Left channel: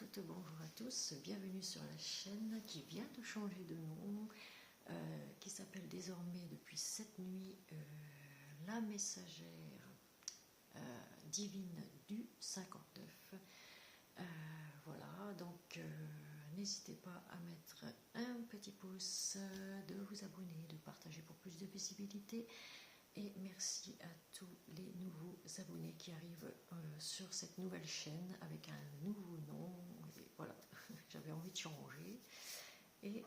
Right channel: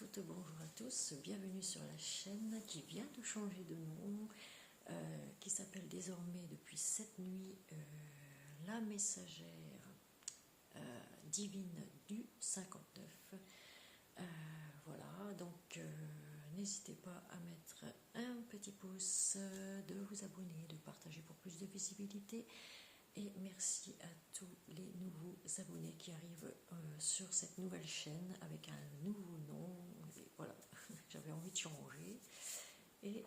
toutes, bonjour à tous, bienvenue sur la chaîne qui vient de changer de nom, qui s'appelle désormais depuis cette nuit La Messagère Divine du 59. Voilà, donc n'hésitez pas à mettre un petit pouce, de vous abonner, de partager pour plus de visibilité. Et merci à tous les nouveaux abonnés qui arrivent sur cette nouvelle chaîne avec un nouveau nom. Et voilà, j'avais envie de changer. Et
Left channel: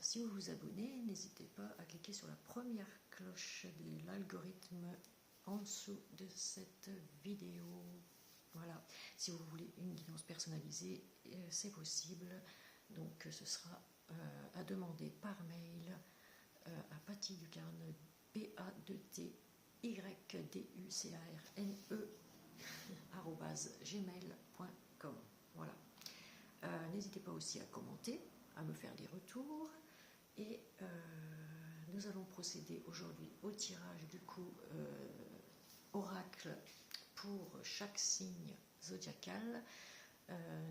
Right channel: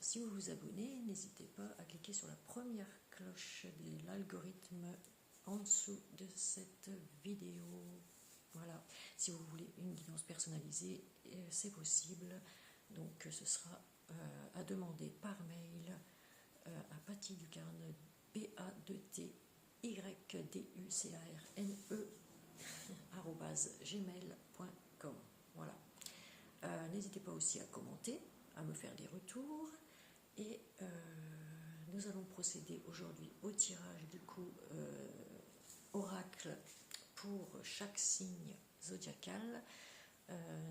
si vous vous abonnez, n'hésitez pas à cliquer sur la première cloche de l'algorithme en dessous de cette vidéo. Voilà, si vous voulez une guidance personnalisée, c'est possible. Donc ce sera à demander par mail à Patty Ducarne, PADTYDUCARNE @gmail.com. Voilà. N'hésitez pas aussi à commenter, à me faire des retours. Et nous allons procéder aujourd'hui au tirage du coup oracle pour chaque signe zodiacal.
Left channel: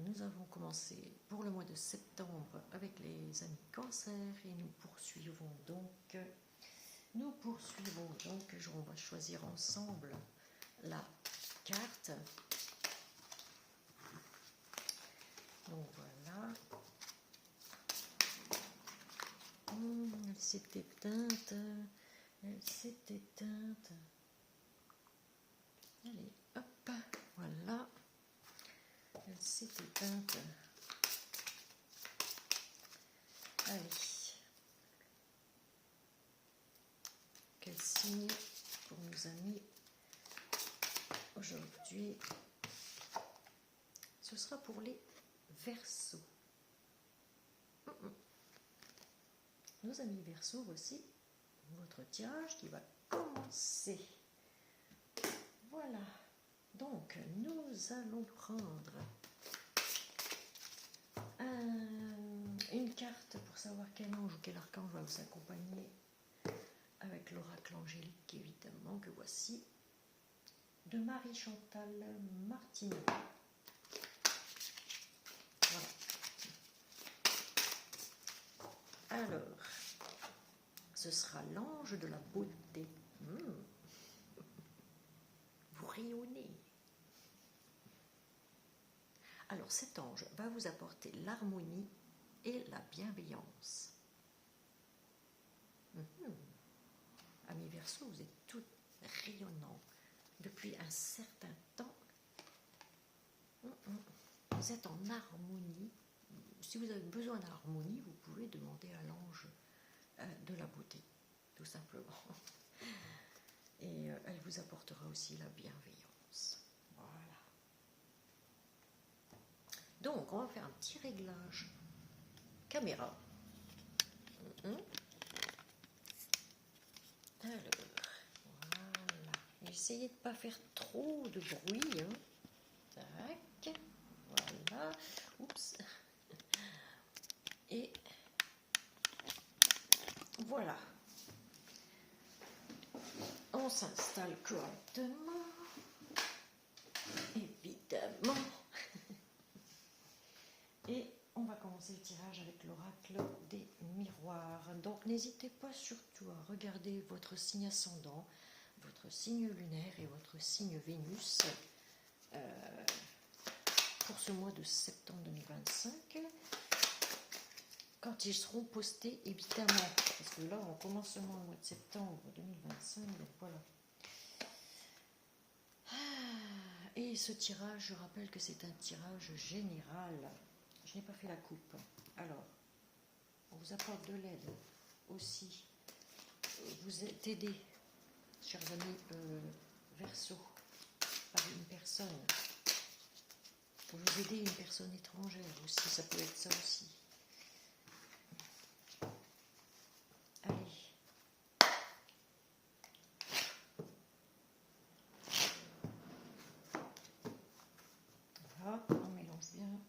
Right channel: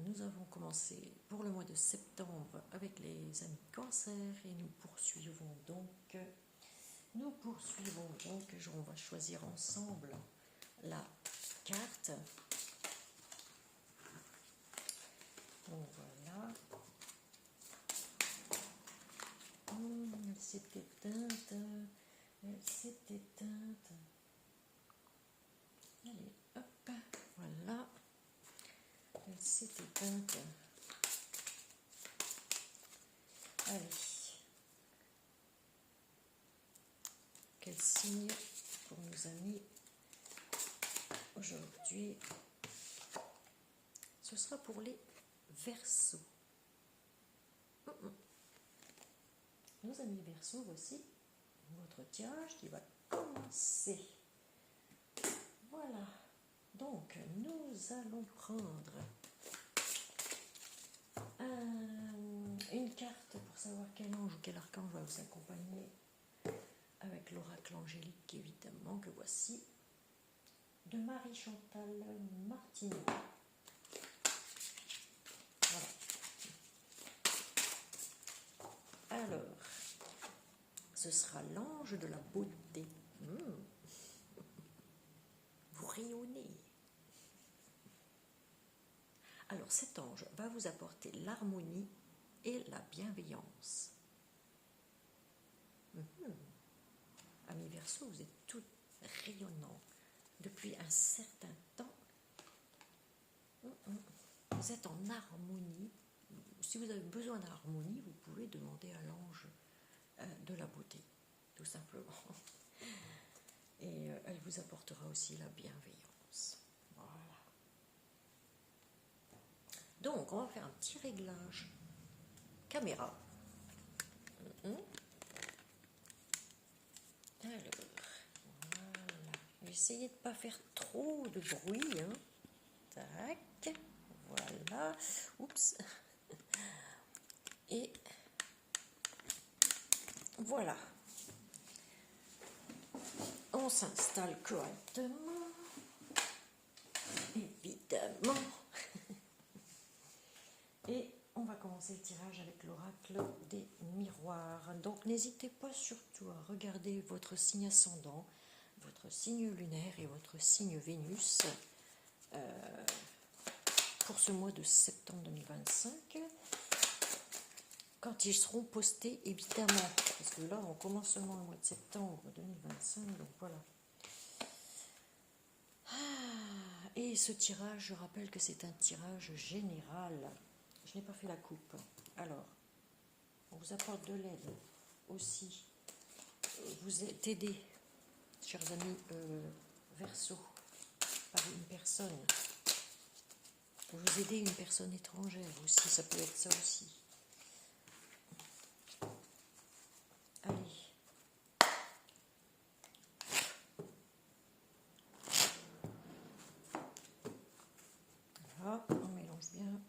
Nous avons commencé pour le mois de septembre avec les amis Cancer et nous poursuivons donc, on va choisir ensemble la carte. Donc voilà. Elle s'est éteinte. Allez, hop, voilà. Elle s'est éteinte. Allez. Quel signe pour nos amis aujourd'hui? Ce sera pour les Verseaux. Nos amis Verseaux, voici votre tirage qui va commencer. Voilà. Donc, nous allons prendre une carte pour savoir quel ange ou quel archange va vous accompagner avec l'oracle angélique, évidemment, que voici, de Marie-Chantal Martineau. Voilà. Alors, ce sera l'ange de la beauté. Vous rayonnez. Alors, cet ange va vous apporter l'harmonie et la bienveillance. Amis Verseaux, vous êtes tous rayonnants depuis un certain temps. Vous êtes en harmonie. Si vous avez besoin d'harmonie, vous pouvez demander à l'ange de la beauté, tout simplement. Et elle vous apportera aussi la bienveillance. Voilà. Donc, on va faire un petit réglage caméra. Alors, voilà. Essayez de ne pas faire trop de bruit. Tac. Voilà. Oups. Et voilà. On s'installe correctement. Évidemment. Et on va commencer le tirage avec l'oracle des miroirs. Donc n'hésitez pas surtout à regarder votre signe ascendant, votre signe lunaire et votre signe Vénus pour ce mois de septembre 2025. Quand ils seront postés, évidemment, parce que là on commence seulement le mois de septembre 2025, donc voilà. Et ce tirage, je rappelle que c'est un tirage général. Je n'ai pas fait la coupe. Alors, on vous apporte de l'aide aussi. Vous êtes aidé, chers amis Verseaux, par une personne. Vous aidez une personne étrangère aussi, ça peut être ça aussi. Allez. Voilà, on mélange bien.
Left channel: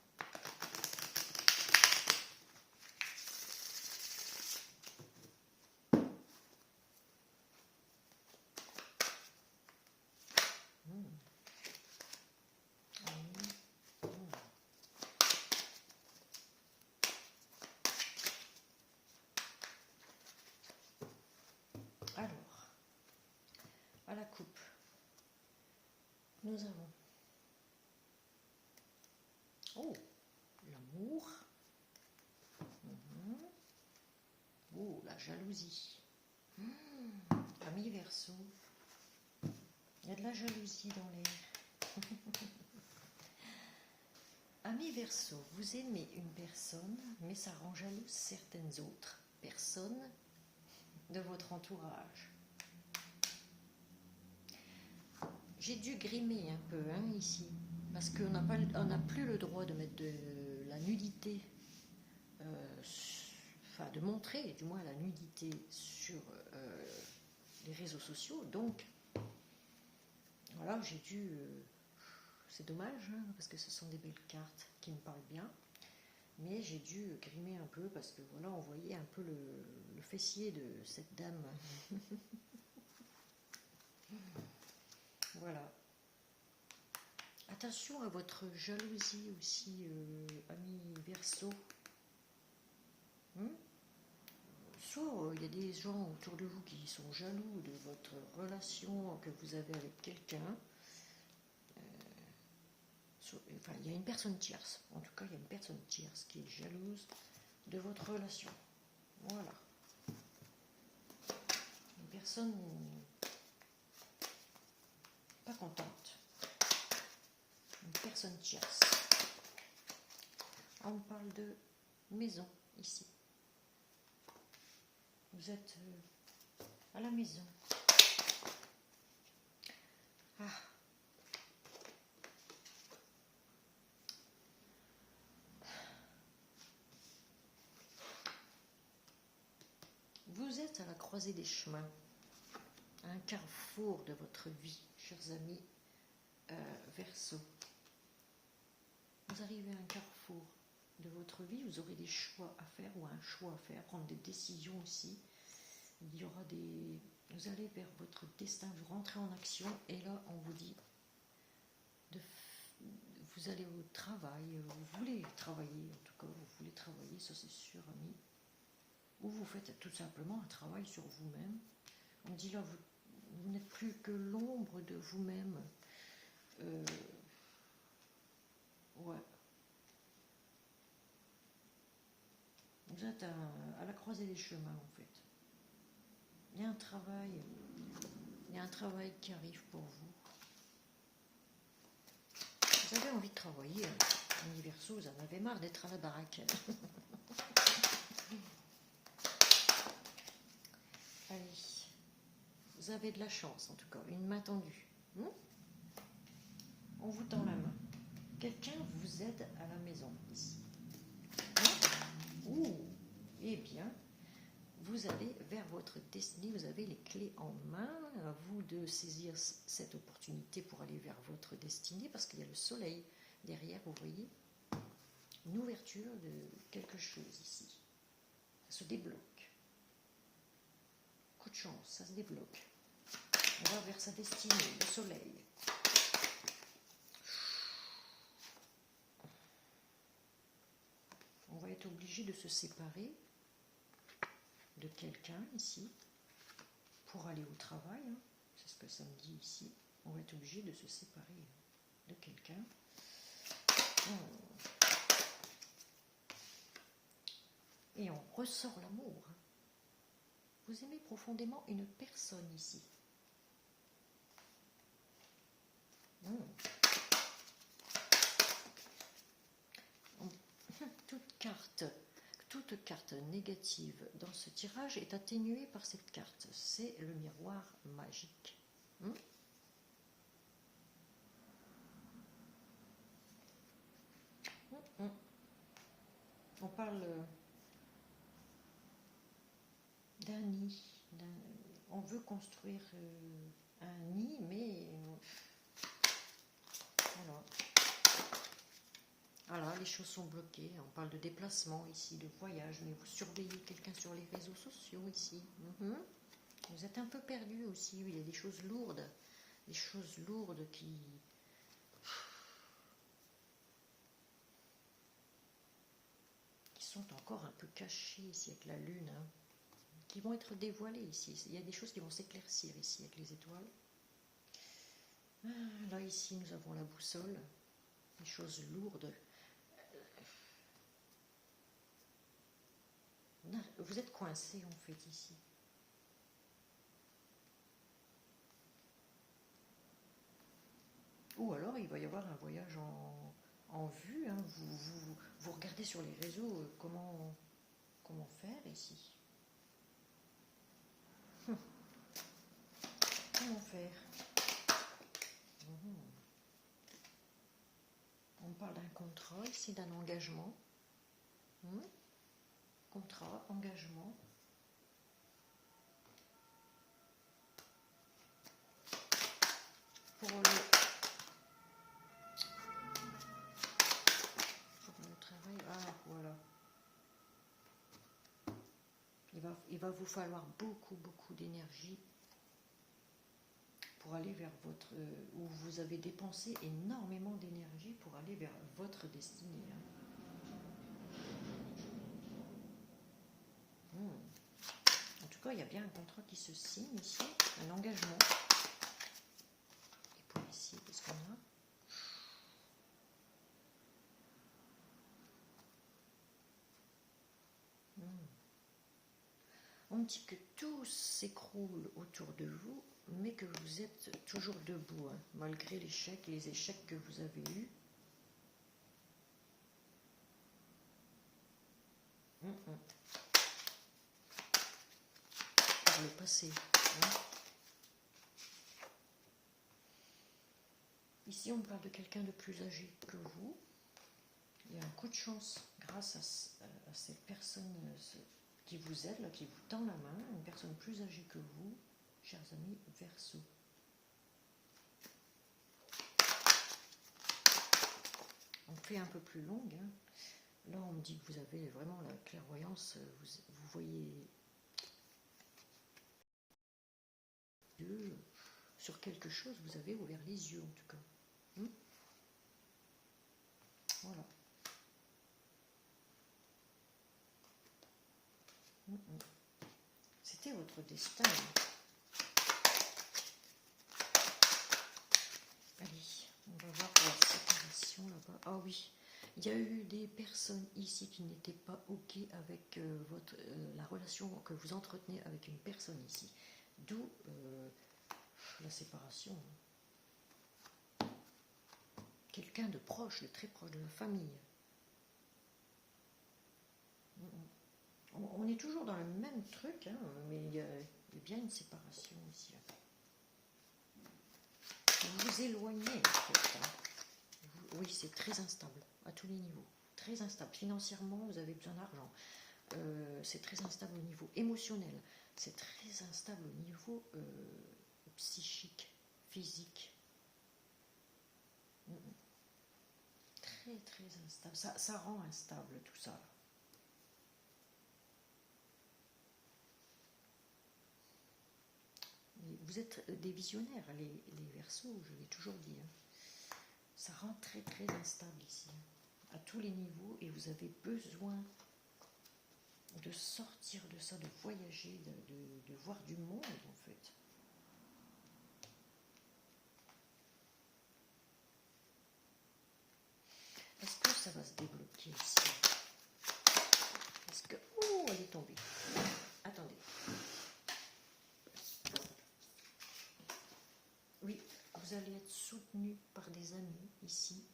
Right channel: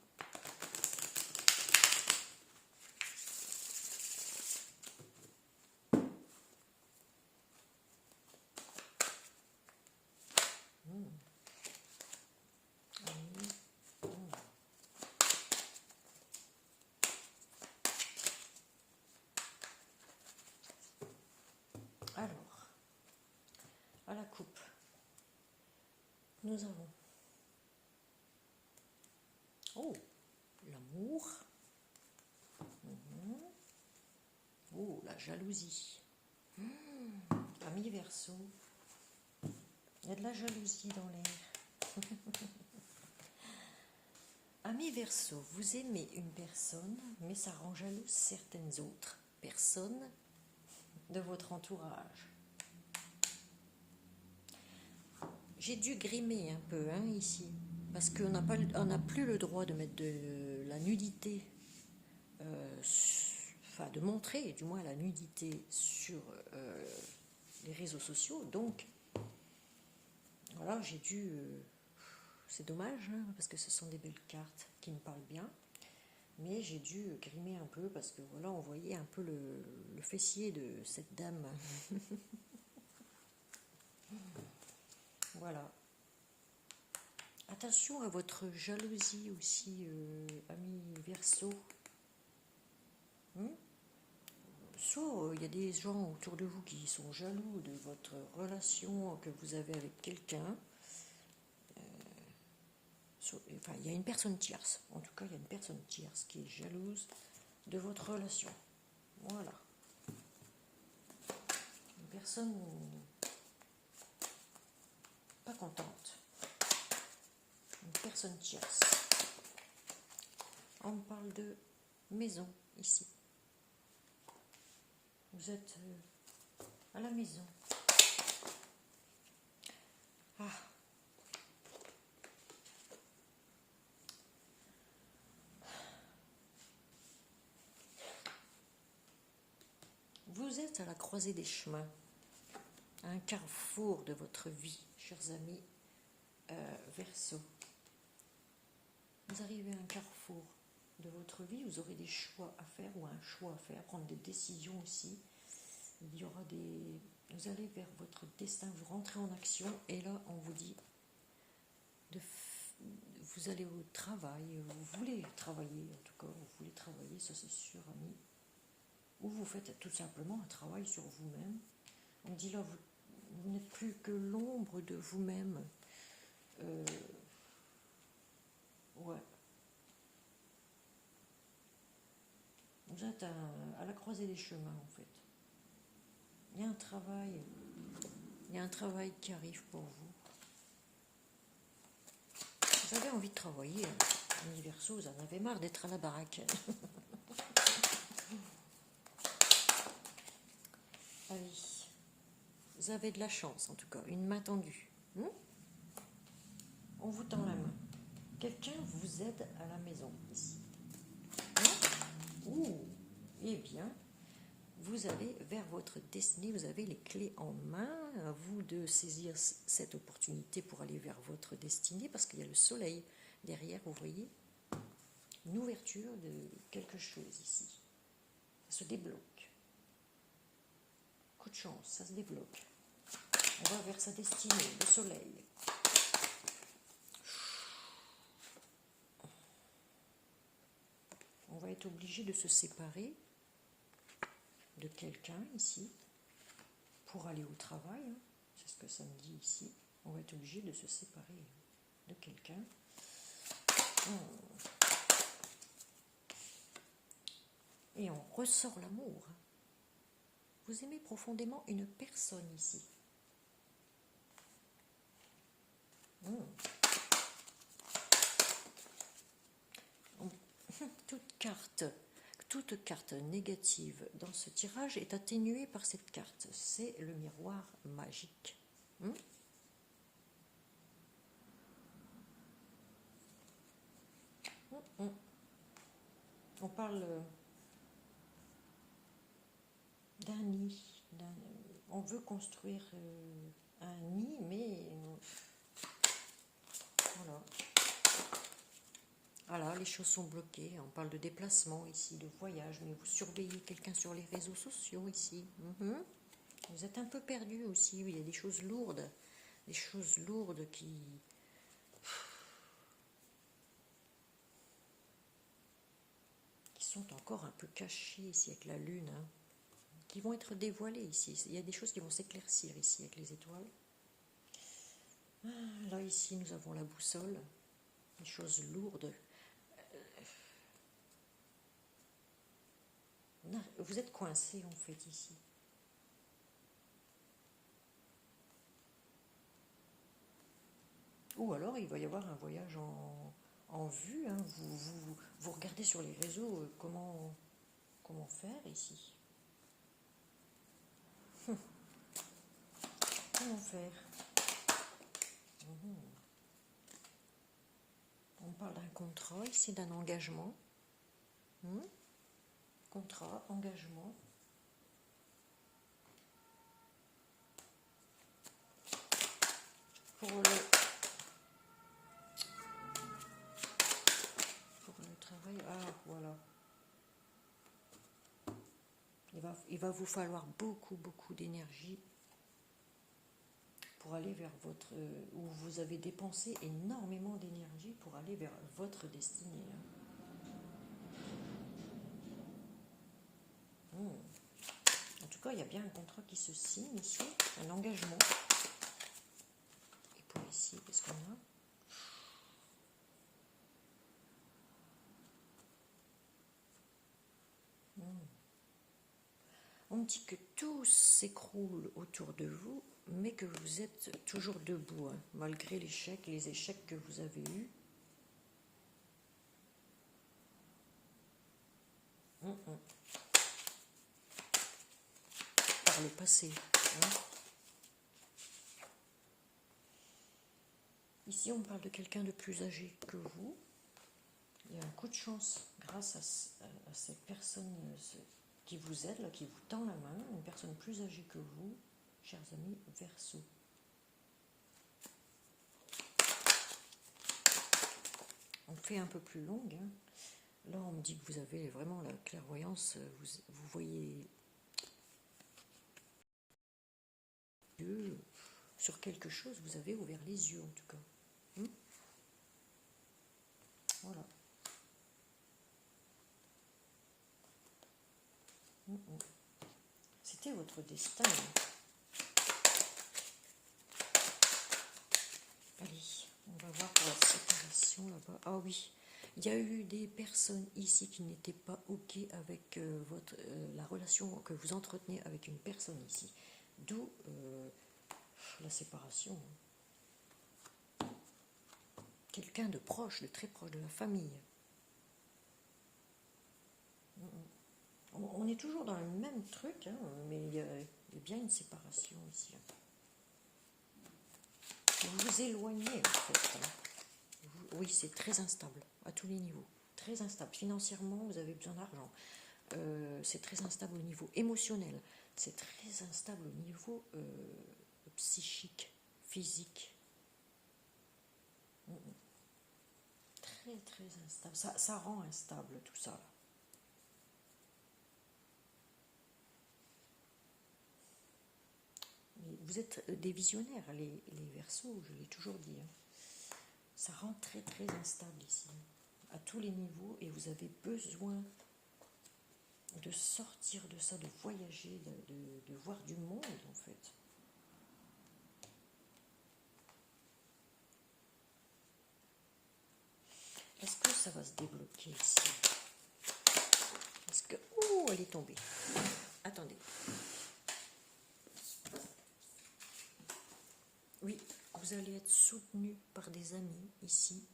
Alors, à la coupe, nous avons l'amour, la jalousie. Ami Verseau, il y a de la jalousie dans l'air. Ami Verseau, vous aimez une personne, mais ça rend jaloux certaines autres personnes de votre entourage. J'ai dû grimer un peu ici, parce qu'on n'a plus le droit de mettre de la nudité, enfin de montrer du moins la nudité sur les réseaux sociaux. Donc, voilà, j'ai dû... c'est dommage, parce que ce sont des belles cartes qui me parlent bien. Mais j'ai dû grimer un peu, parce que voilà, on voyait un peu le fessier de cette dame. Voilà. Attention à votre jalousie aussi, ami Verseau. Soit il y a des gens autour de vous qui sont jaloux de votre relation que vous avez avec quelqu'un. Enfin, il y a une personne tierce. En tout cas, il y a une personne tierce qui est jalouse de votre relation. Voilà. Une personne pas contente. Une personne tierce. On parle de maison ici. Vous êtes à la maison. Ah. Vous êtes à la croisée des chemins, à un carrefour de votre vie, chers amis Verseau. Vous arrivez à un carrefour de votre vie, vous aurez des choix à faire ou un choix à faire, prendre des décisions aussi. Il y aura des... Vous allez vers votre destin, vous rentrez en action et là on vous dit vous allez au travail, vous voulez travailler, en tout cas vous voulez travailler, ça c'est sûr, ami. Ou vous faites tout simplement un travail sur vous-même. On dit là, vous n'êtes plus que l'ombre de vous-même. Ouais. Vous êtes à la croisée des chemins, en fait. Il y a un travail qui arrive pour vous. Vous avez envie de travailler, ami Verseau, vous en avez marre d'être à la baraque. Allez, vous avez de la chance en tout cas, une main tendue. On vous tend la main. Quelqu'un vous aide à la maison ici. Eh bien, vous allez vers votre destinée, vous avez les clés en main, à vous de saisir cette opportunité pour aller vers votre destinée, parce qu'il y a le soleil derrière, vous voyez, une ouverture de quelque chose ici. Ça se débloque. Coup de chance, ça se débloque. On va vers sa destinée, le soleil. On va être obligé de se séparer de quelqu'un ici pour aller au travail. C'est ce que ça me dit ici. On va être obligé de se séparer de quelqu'un. Et on ressort l'amour. Vous aimez profondément une personne ici. Toute carte négative dans ce tirage est atténuée par cette carte. C'est le miroir magique. On parle d'un nid. On veut construire un nid, mais voilà. Voilà, les choses sont bloquées. On parle de déplacement ici, de voyage, mais vous surveillez quelqu'un sur les réseaux sociaux ici. Vous êtes un peu perdu aussi. Il y a des choses lourdes qui sont encore un peu cachées ici avec la lune. qui vont être dévoilées ici. Il y a des choses qui vont s'éclaircir ici avec les étoiles. Là, ici, nous avons la boussole, des choses lourdes. Vous êtes coincé en fait ici. Ou alors il va y avoir un voyage en vue. Hein. Vous regardez sur les réseaux comment faire ici. Comment faire? On parle d'un contrat, ici d'un engagement. Contrat, engagement. Pour le travail, voilà. Il va vous falloir beaucoup d'énergie pour aller vers votre... où vous avez dépensé énormément d'énergie pour aller vers votre destinée. En tout cas, il y a bien un contrat qui se signe ici, un engagement. Et pour ici, qu'est-ce qu'on a? On dit que tout s'écroule autour de vous, mais que vous êtes toujours debout, hein, malgré l'échec et les échecs que vous avez eus. Par le passé. Hein. Ici, on parle de quelqu'un de plus âgé que vous. Il y a un coup de chance grâce à cette personne qui vous aide, là, qui vous tend la main, une personne plus âgée que vous, chers amis Verseau. On fait un peu plus longue. Hein. Là, on me dit que vous avez vraiment la clairvoyance, vous voyez sur quelque chose, vous avez ouvert les yeux en tout cas. Voilà. C'était votre destin. Allez, on va voir pour la séparation là-bas. Ah oui, il y a eu des personnes ici qui n'étaient pas OK avec la relation que vous entretenez avec une personne ici. D'où la séparation. Quelqu'un de proche, de très proche de la famille. On est toujours dans le même truc, hein, mais il y a bien une séparation ici. Vous vous éloignez, en fait. Hein. Oui, c'est très instable, à tous les niveaux. Très instable. Financièrement, vous avez besoin d'argent. C'est très instable au niveau émotionnel. C'est très instable au niveau psychique, physique. Très instable. Ça rend instable tout ça. Vous êtes des visionnaires, les Verseaux, je l'ai toujours dit. Hein. Ça rend très instable ici, à tous les niveaux, et vous avez besoin de sortir de ça, de voyager, de voir du monde en fait. Est-ce que ça va se débloquer ici? Est-ce que... Oh, elle est tombée. Attendez. Oui, vous allez être soutenu par des amis ici.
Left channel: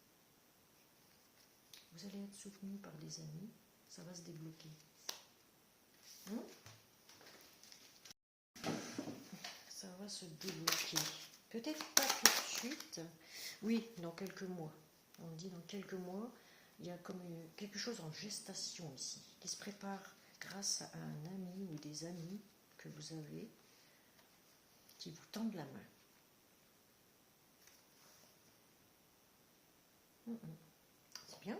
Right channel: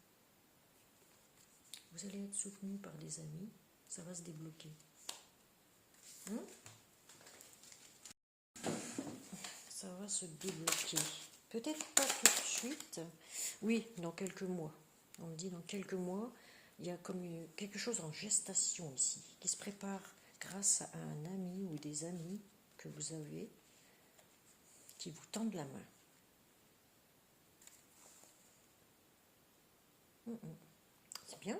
Vous allez être soutenu par des amis. Ça va se débloquer. Ça va se débloquer. Peut-être pas tout de suite. Oui, dans quelques mois. On me dit dans quelques mois, il y a comme quelque chose en gestation ici, qui se prépare grâce à un ami ou des amis que vous avez, qui vous tendent la main. C'est bien.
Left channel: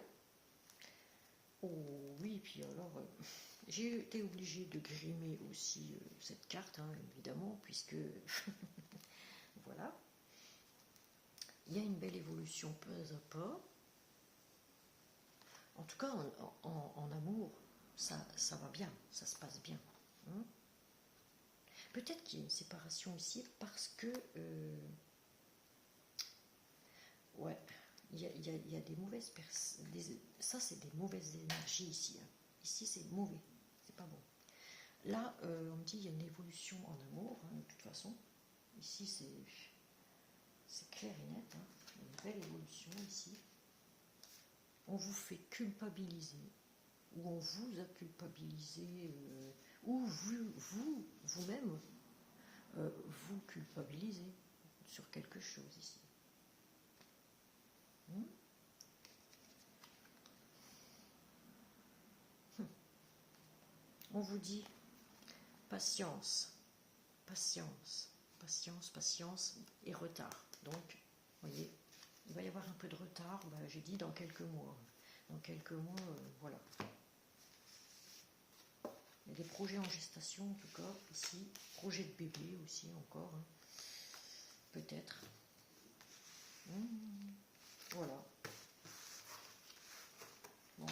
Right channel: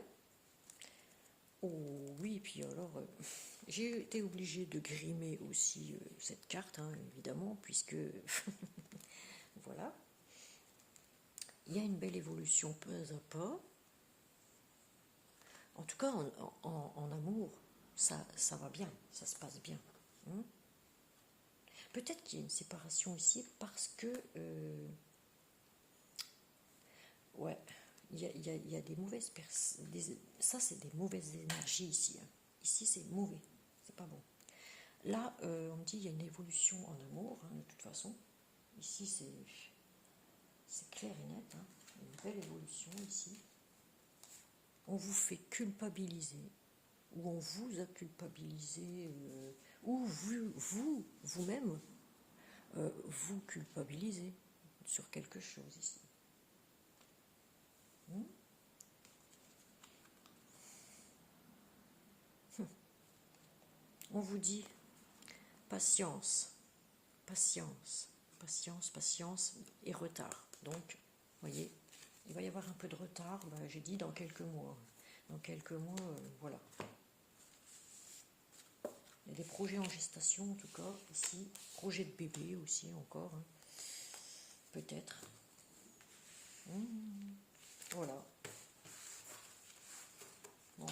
Oh oui, puis alors, j'ai été obligée de grimer aussi cette carte, hein, évidemment, puisque, voilà. Il y a une belle évolution peu à peu. En tout cas, en amour, ça va bien, ça se passe bien. peut-être qu'il y a une séparation ici parce que ouais, il y a des mauvaises personnes. Ça, c'est des mauvaises énergies ici. Hein. Ici, c'est mauvais. C'est pas bon. Là, on me dit qu'il y a une évolution en amour, hein, de toute façon. Ici, c'est clair et net. Hein. Une belle évolution ici. On vous fait culpabiliser, ou on vous a culpabilisé, ou vous-même, vous culpabilisez sur quelque chose ici. On vous dit patience, patience, patience, patience et retard. Donc, vous voyez, il va y avoir un peu de retard, j'ai dit dans quelques mois. Dans quelques mois, voilà. Il y a des projets en gestation, en tout cas, ici. Projet de bébé aussi, encore. Hein. Peut-être. Voilà. Bon,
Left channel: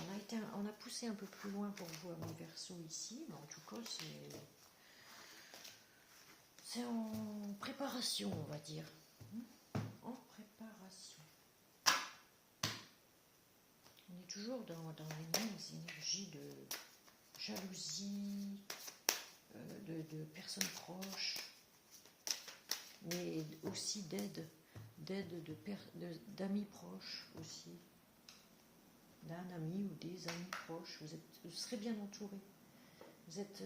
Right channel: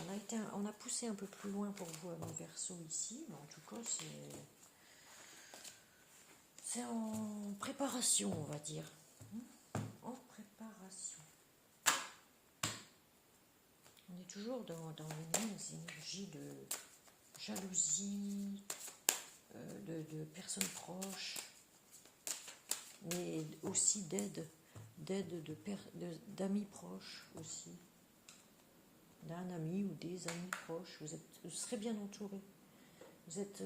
on a poussé un peu plus loin pour vous à mes Verseaux ici, mais en tout cas, c'est en préparation, on va dire. En préparation. On est toujours dans les mêmes énergies de jalousie, de personnes proches, mais aussi d'aide d'amis proches aussi, d'un ami ou des amis proches. Vous serez bien entouré. Vous êtes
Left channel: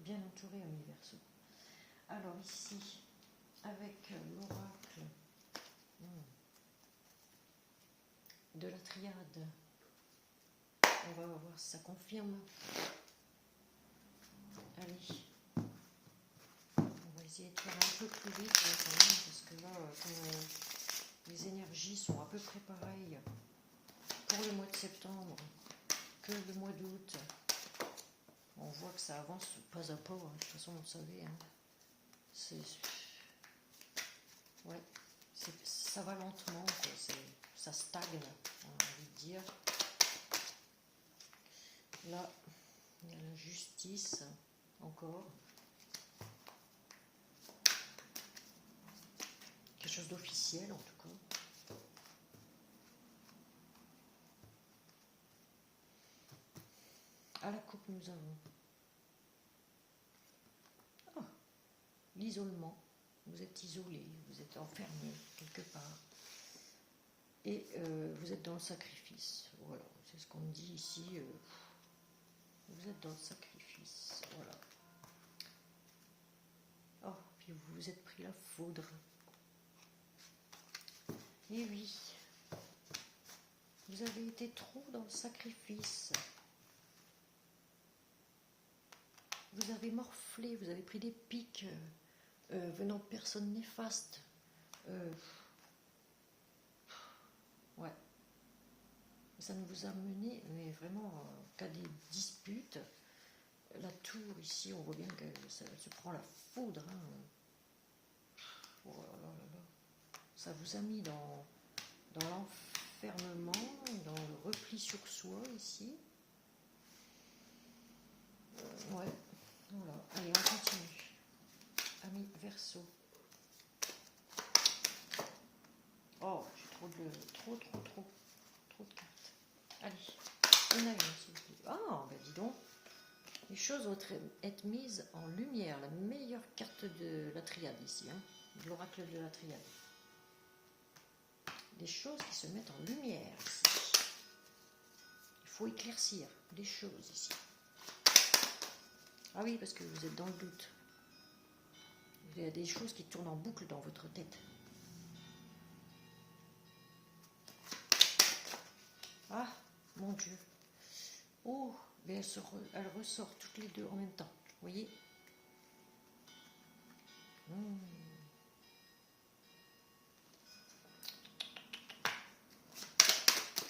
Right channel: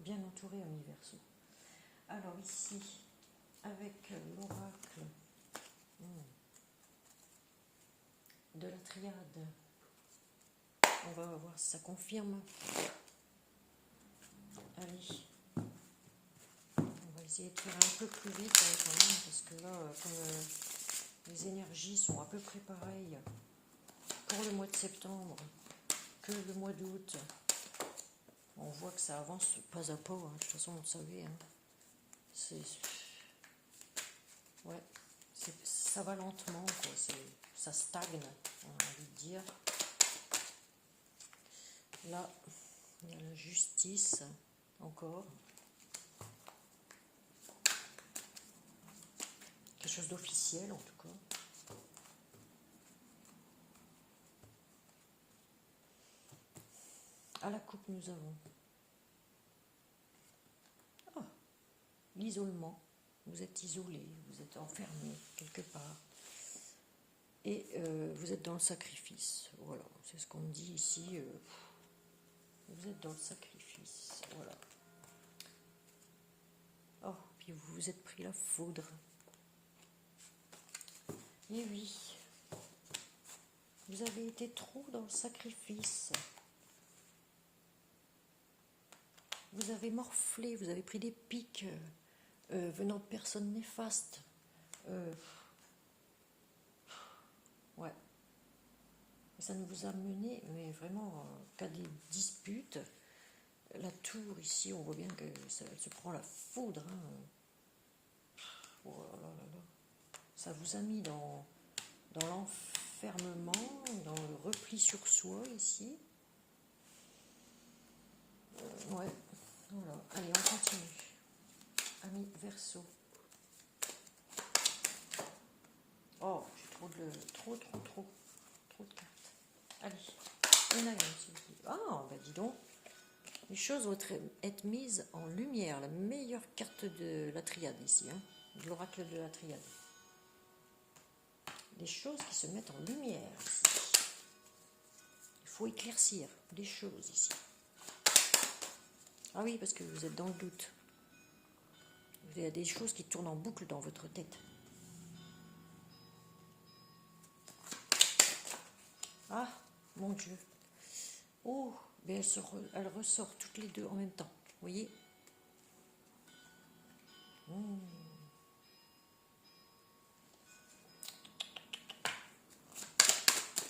bien entouré, amis Verseaux. Alors ici, avec l'oracle de la triade, on va voir si ça confirme. Allez, on va essayer de faire un peu plus vite quand même, parce que là, comme les énergies sont à peu près pareilles pour le mois de septembre que le mois d'août, on voit que ça avance pas à pas, hein. De toute façon, vous le savez. Hein. Ouais, ça va lentement, quoi. Ça stagne, on a envie de dire. Là, il y a la justice, encore. Quelque chose d'officiel, en tout cas. À la coupe, nous avons l'isolement. Vous êtes isolé, vous êtes enfermé quelque part. Et vous êtes dans le sacrifice. Voilà, c'est ce qu'on me dit ici. Vous êtes dans le sacrifice. Voilà. Oh, puis vous vous êtes pris la foudre. Et oui, vous avez été trop dans le sacrifice. Vous avez morflé, vous avez pris des pics venant de personnes néfastes. Ouais. Ça ne vous a mené, mais vraiment, qu'à des disputes. La tour, ici, on voit bien que ça se prend la foudre. Hein. Oh là là là là. Ça vous a mis dans l'enfermement, dans le repli sur soi, ici. Ouais, voilà. Allez, on continue. Amis Verseaux. Oh, trop de cartes. Allez, on a s'il vous plaît. Ah, bah dis donc. Les choses vont être mises en lumière. La meilleure carte de la triade ici, hein, de l'oracle de la triade. Des choses qui se mettent en lumière ici. Il faut éclaircir des choses ici. Ah oui, parce que vous êtes dans le doute. Il y a des choses qui tournent en boucle dans votre tête. Ah, mon Dieu. Oh, mais elle ressort toutes les deux en même temps. Vous voyez?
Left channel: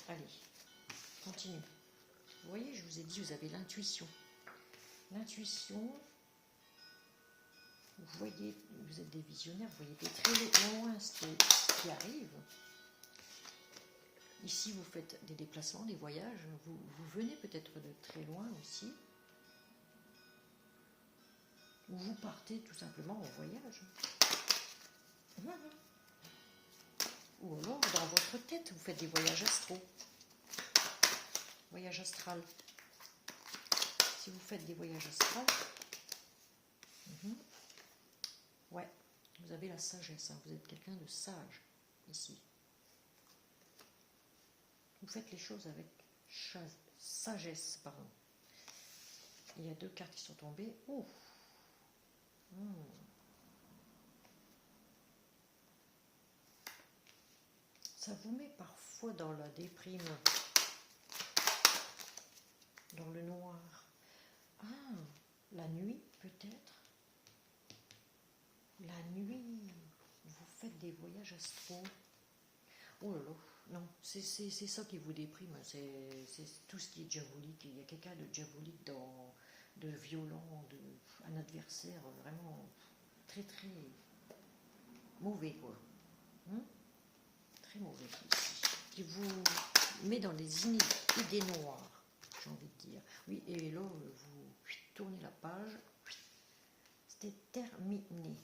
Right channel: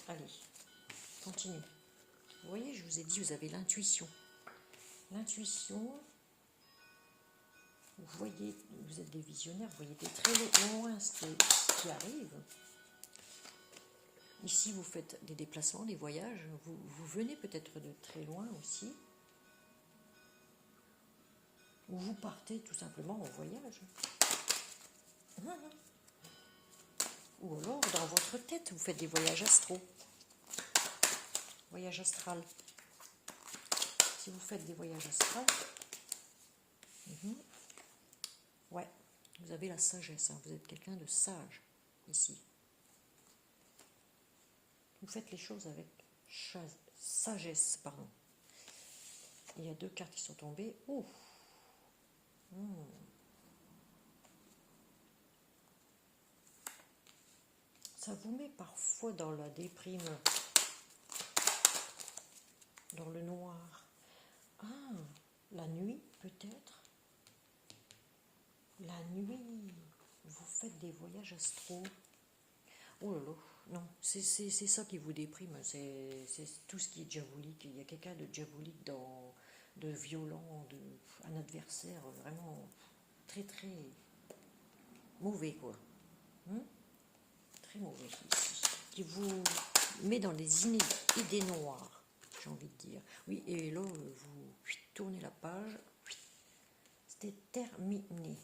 Allez, continue. Vous voyez, je vous ai dit, vous avez l'intuition. L'intuition, vous voyez, vous êtes des visionnaires, vous voyez très loin ce qui arrive. Ici, vous faites des déplacements, des voyages. Vous venez peut-être de très loin aussi. Ou vous partez tout simplement en voyage. Ou alors, dans votre tête, vous faites des voyages astraux. Voyage astral. Si vous faites des voyages astrales, ouais, vous avez la sagesse. Hein, vous êtes quelqu'un de sage, ici. Vous faites les choses avec sagesse, pardon. Il y a 2 cartes qui sont tombées. Ouh. Ça vous met parfois dans la déprime, dans le noir. Ah, la nuit peut-être. La nuit, vous faites des voyages astraux. Oh là là, non, c'est ça qui vous déprime, c'est tout ce qui est diabolique. Il y a quelqu'un de diabolique, de violent, un adversaire vraiment très très mauvais, quoi. Très mauvais ici, qui vous met dans les idées noires, j'ai envie de dire. Oui, et là, vous tournez la page, c'était terminé.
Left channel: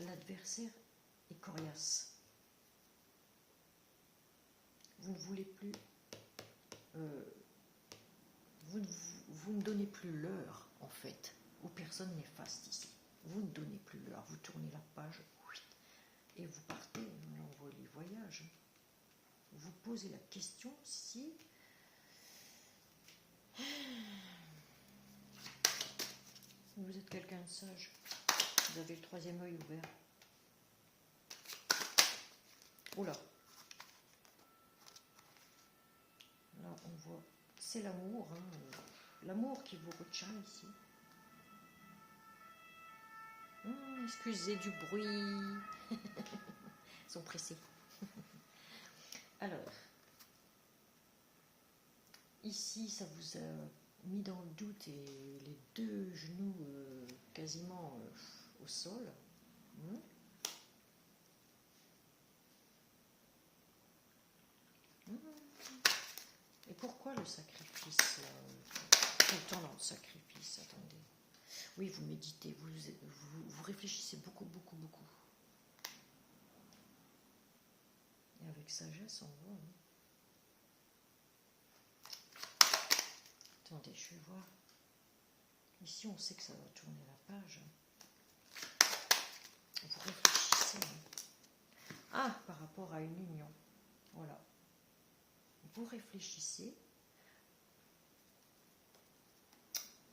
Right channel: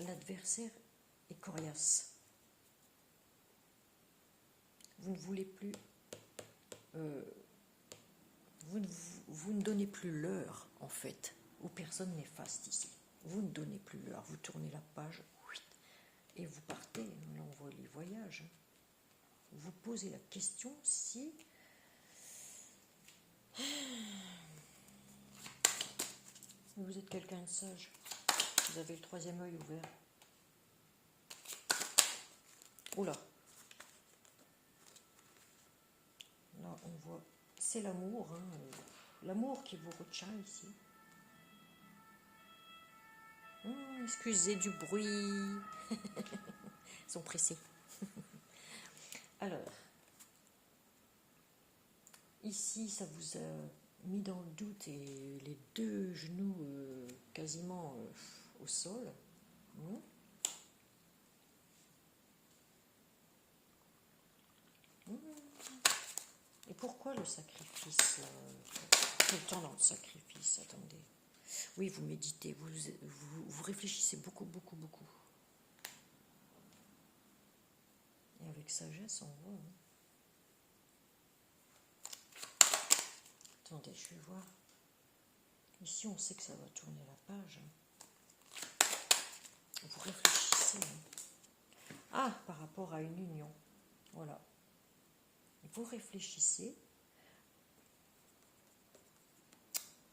L'adversaire est coriace. Vous ne voulez plus... vous ne donnez plus l'heure, en fait, aux personnes néfastes ici. Vous ne donnez plus l'heure, vous tournez la page, et vous partez dans les voyages. Vous posez la question si... Vous êtes quelqu'un de sage. Vous avez le 3e œil ouvert. Oula. Là, on voit... C'est l'amour, hein. L'amour qui vous retient ici. Excusez du bruit. Ils sont pressés. Alors, ici, ça vous a mis dans le doute et les 2 genoux quasiment au sol. Et pourquoi le sacrifice tout le temps dans le sacrifice, attendez. Oui, vous méditez, vous réfléchissez beaucoup, beaucoup, beaucoup. Et avec sagesse, on voit. Attendez, je vais voir. Ici, on sait que ça va tourner la page. Vous réfléchissez. Ah, par rapport à une union. Voilà. Vous réfléchissez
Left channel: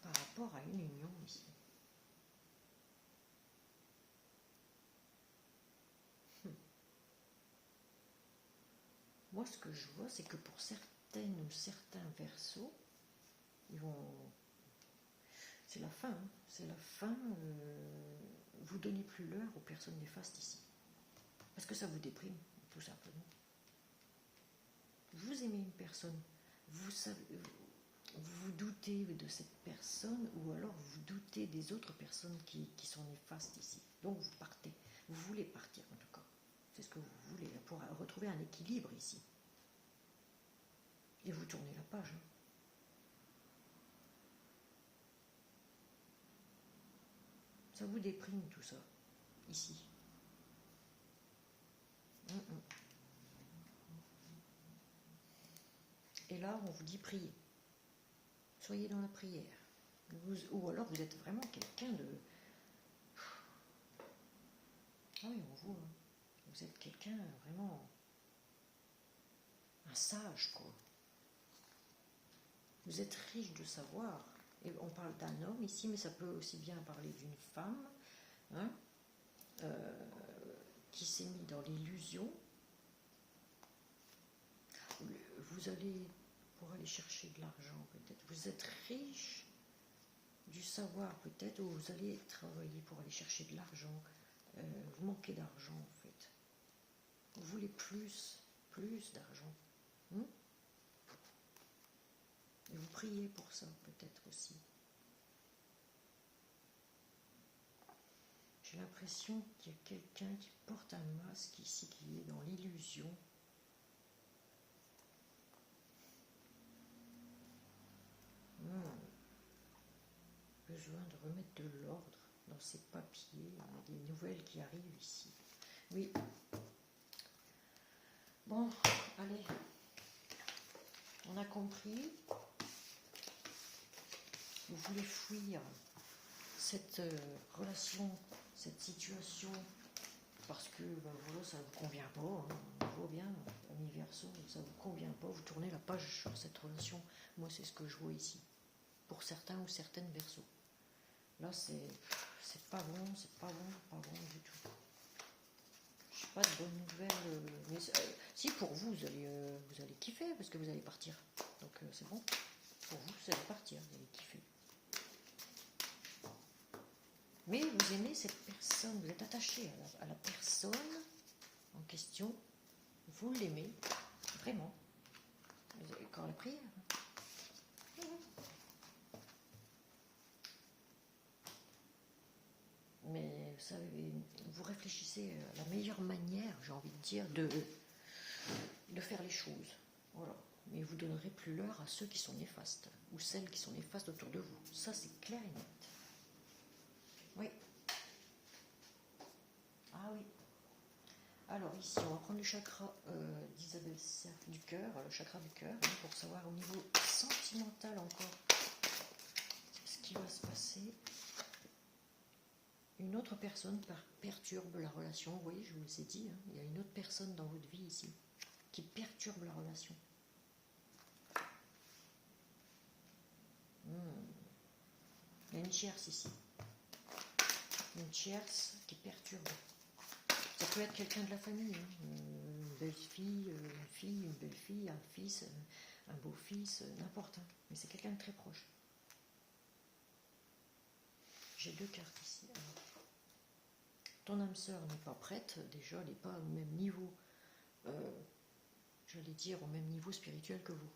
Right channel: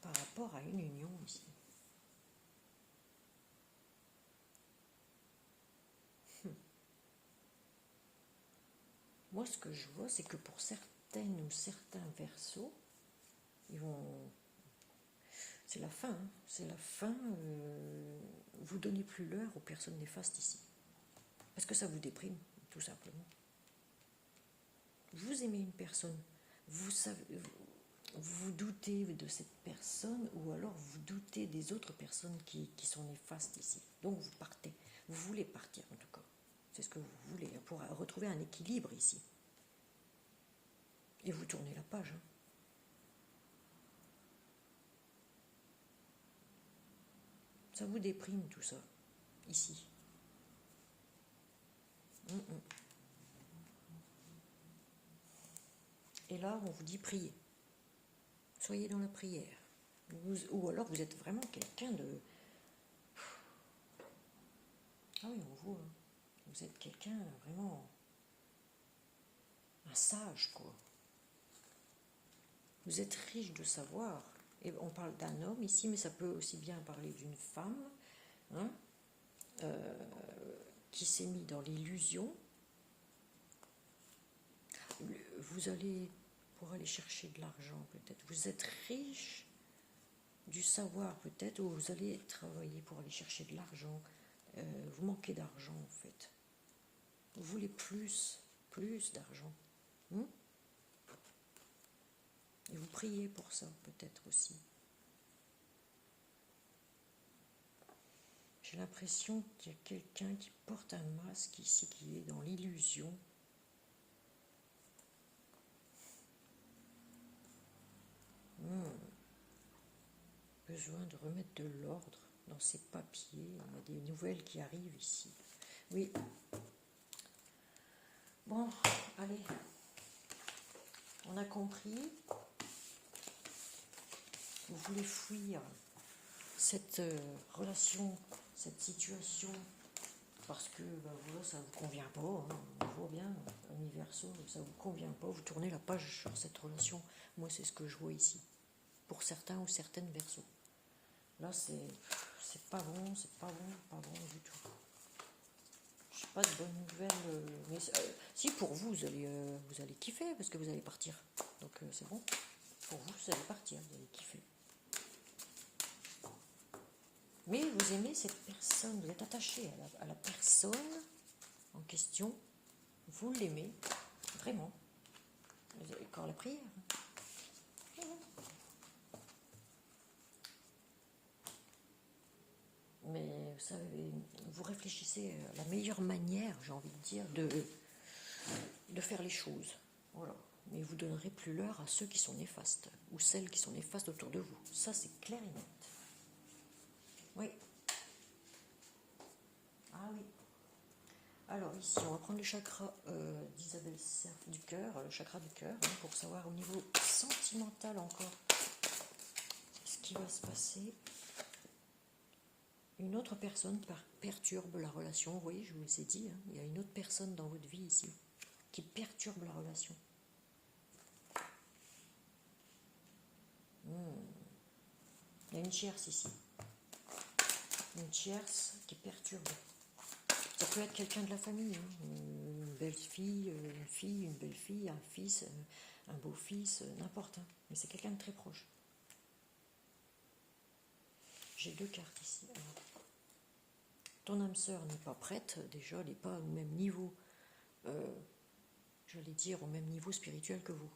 par rapport à une union ici. Moi, ce que je vois, c'est que pour certaines ou certains versos, ils vont... C'est la fin, hein. C'est la fin. Vous donnez plus l'heure aux personnes néfastes ici. Parce que ça vous déprime, tout simplement. Vous aimez une personne, vous savez, vous doutez de cette personne, ou alors vous doutez des autres personnes qui sont néfastes ici. Donc vous partez. Vous voulez partir, en tout cas. C'est ce que vous voulez, pour retrouver un équilibre ici. Et vous tournez la page. Ça vous déprime, tout ça, ici. Et là, on vous dit prier. Soyez dans la prière. Ou alors vous êtes vraiment quelqu'un de... Ah oui, on voit. Vous êtes quelqu'un vraiment... Un sage, quoi. Vous êtes riche de savoir. Et on parle d'un homme ici, mais ça peut aussi bien parler d'une femme, hein, qui s'est mis dans l'illusion. Vous allez... pour aller chercher de l'argent, peut-être. Vous êtes riche du savoir, peut-être, ou vous allez travailler pour aller chercher de l'argent. Vous manquez d'argent, en fait. Vous voulez plus d'argent. Et vous priez pour ça, peut-être aussi. J'ai l'impression qu'il y a quelqu'un qui porte un masque ici, qui est dans l'illusion. besoin de remettre de l'ordre dans ses papiers. Il y a des nouvelles qui arrivent ici. Oui. Bon, allez. On a compris. Vous voulez fuir cette relation, cette situation, parce que ben voilà, ça ne vous convient pas, hein, on voit bien, universo, ça ne vous convient pas, vous tournez la page sur cette relation. Moi, c'est ce que je vois ici, pour certains ou certaines versos. Là, c'est pas bon, c'est pas bon, pas bon du tout. Je n'ai pas de bonnes nouvelles, mais si pour vous, vous allez kiffer, parce que vous allez partir. Donc c'est bon, pour vous, vous allez partir, vous allez kiffer. Mais vous aimez cette personne, vous êtes attaché à la personne en question, vous l'aimez, vraiment. Vous avez encore la prière. Mais vous savez, vous réfléchissez à la meilleure manière, j'ai envie de dire, de faire les choses. Voilà. Mais vous donnerez plus l'heure à ceux qui sont néfastes, ou celles qui sont néfastes autour de vous. Ça, c'est clair et net. Oui. Ah oui. Alors ici, on va prendre le chakra d'Isabelle Cerf du cœur, le chakra du cœur, hein, pour savoir au niveau sentimental encore ce qui va se passer. Une autre personne perturbe la relation. Vous voyez, je vous ai dit, hein, il y a une autre personne dans votre vie ici qui perturbe la relation. Il y a une tierce ici. Une tierce qui perturbe. Ça peut être quelqu'un de la famille, hein, une belle-fille, une belle-fille, un fils, un beau-fils, n'importe. Hein, mais c'est quelqu'un de très proche. J'ai deux cartes ici. Alors, ton âme sœur n'est pas prête, déjà, elle n'est pas au même niveau, j'allais dire au même niveau spirituel que vous.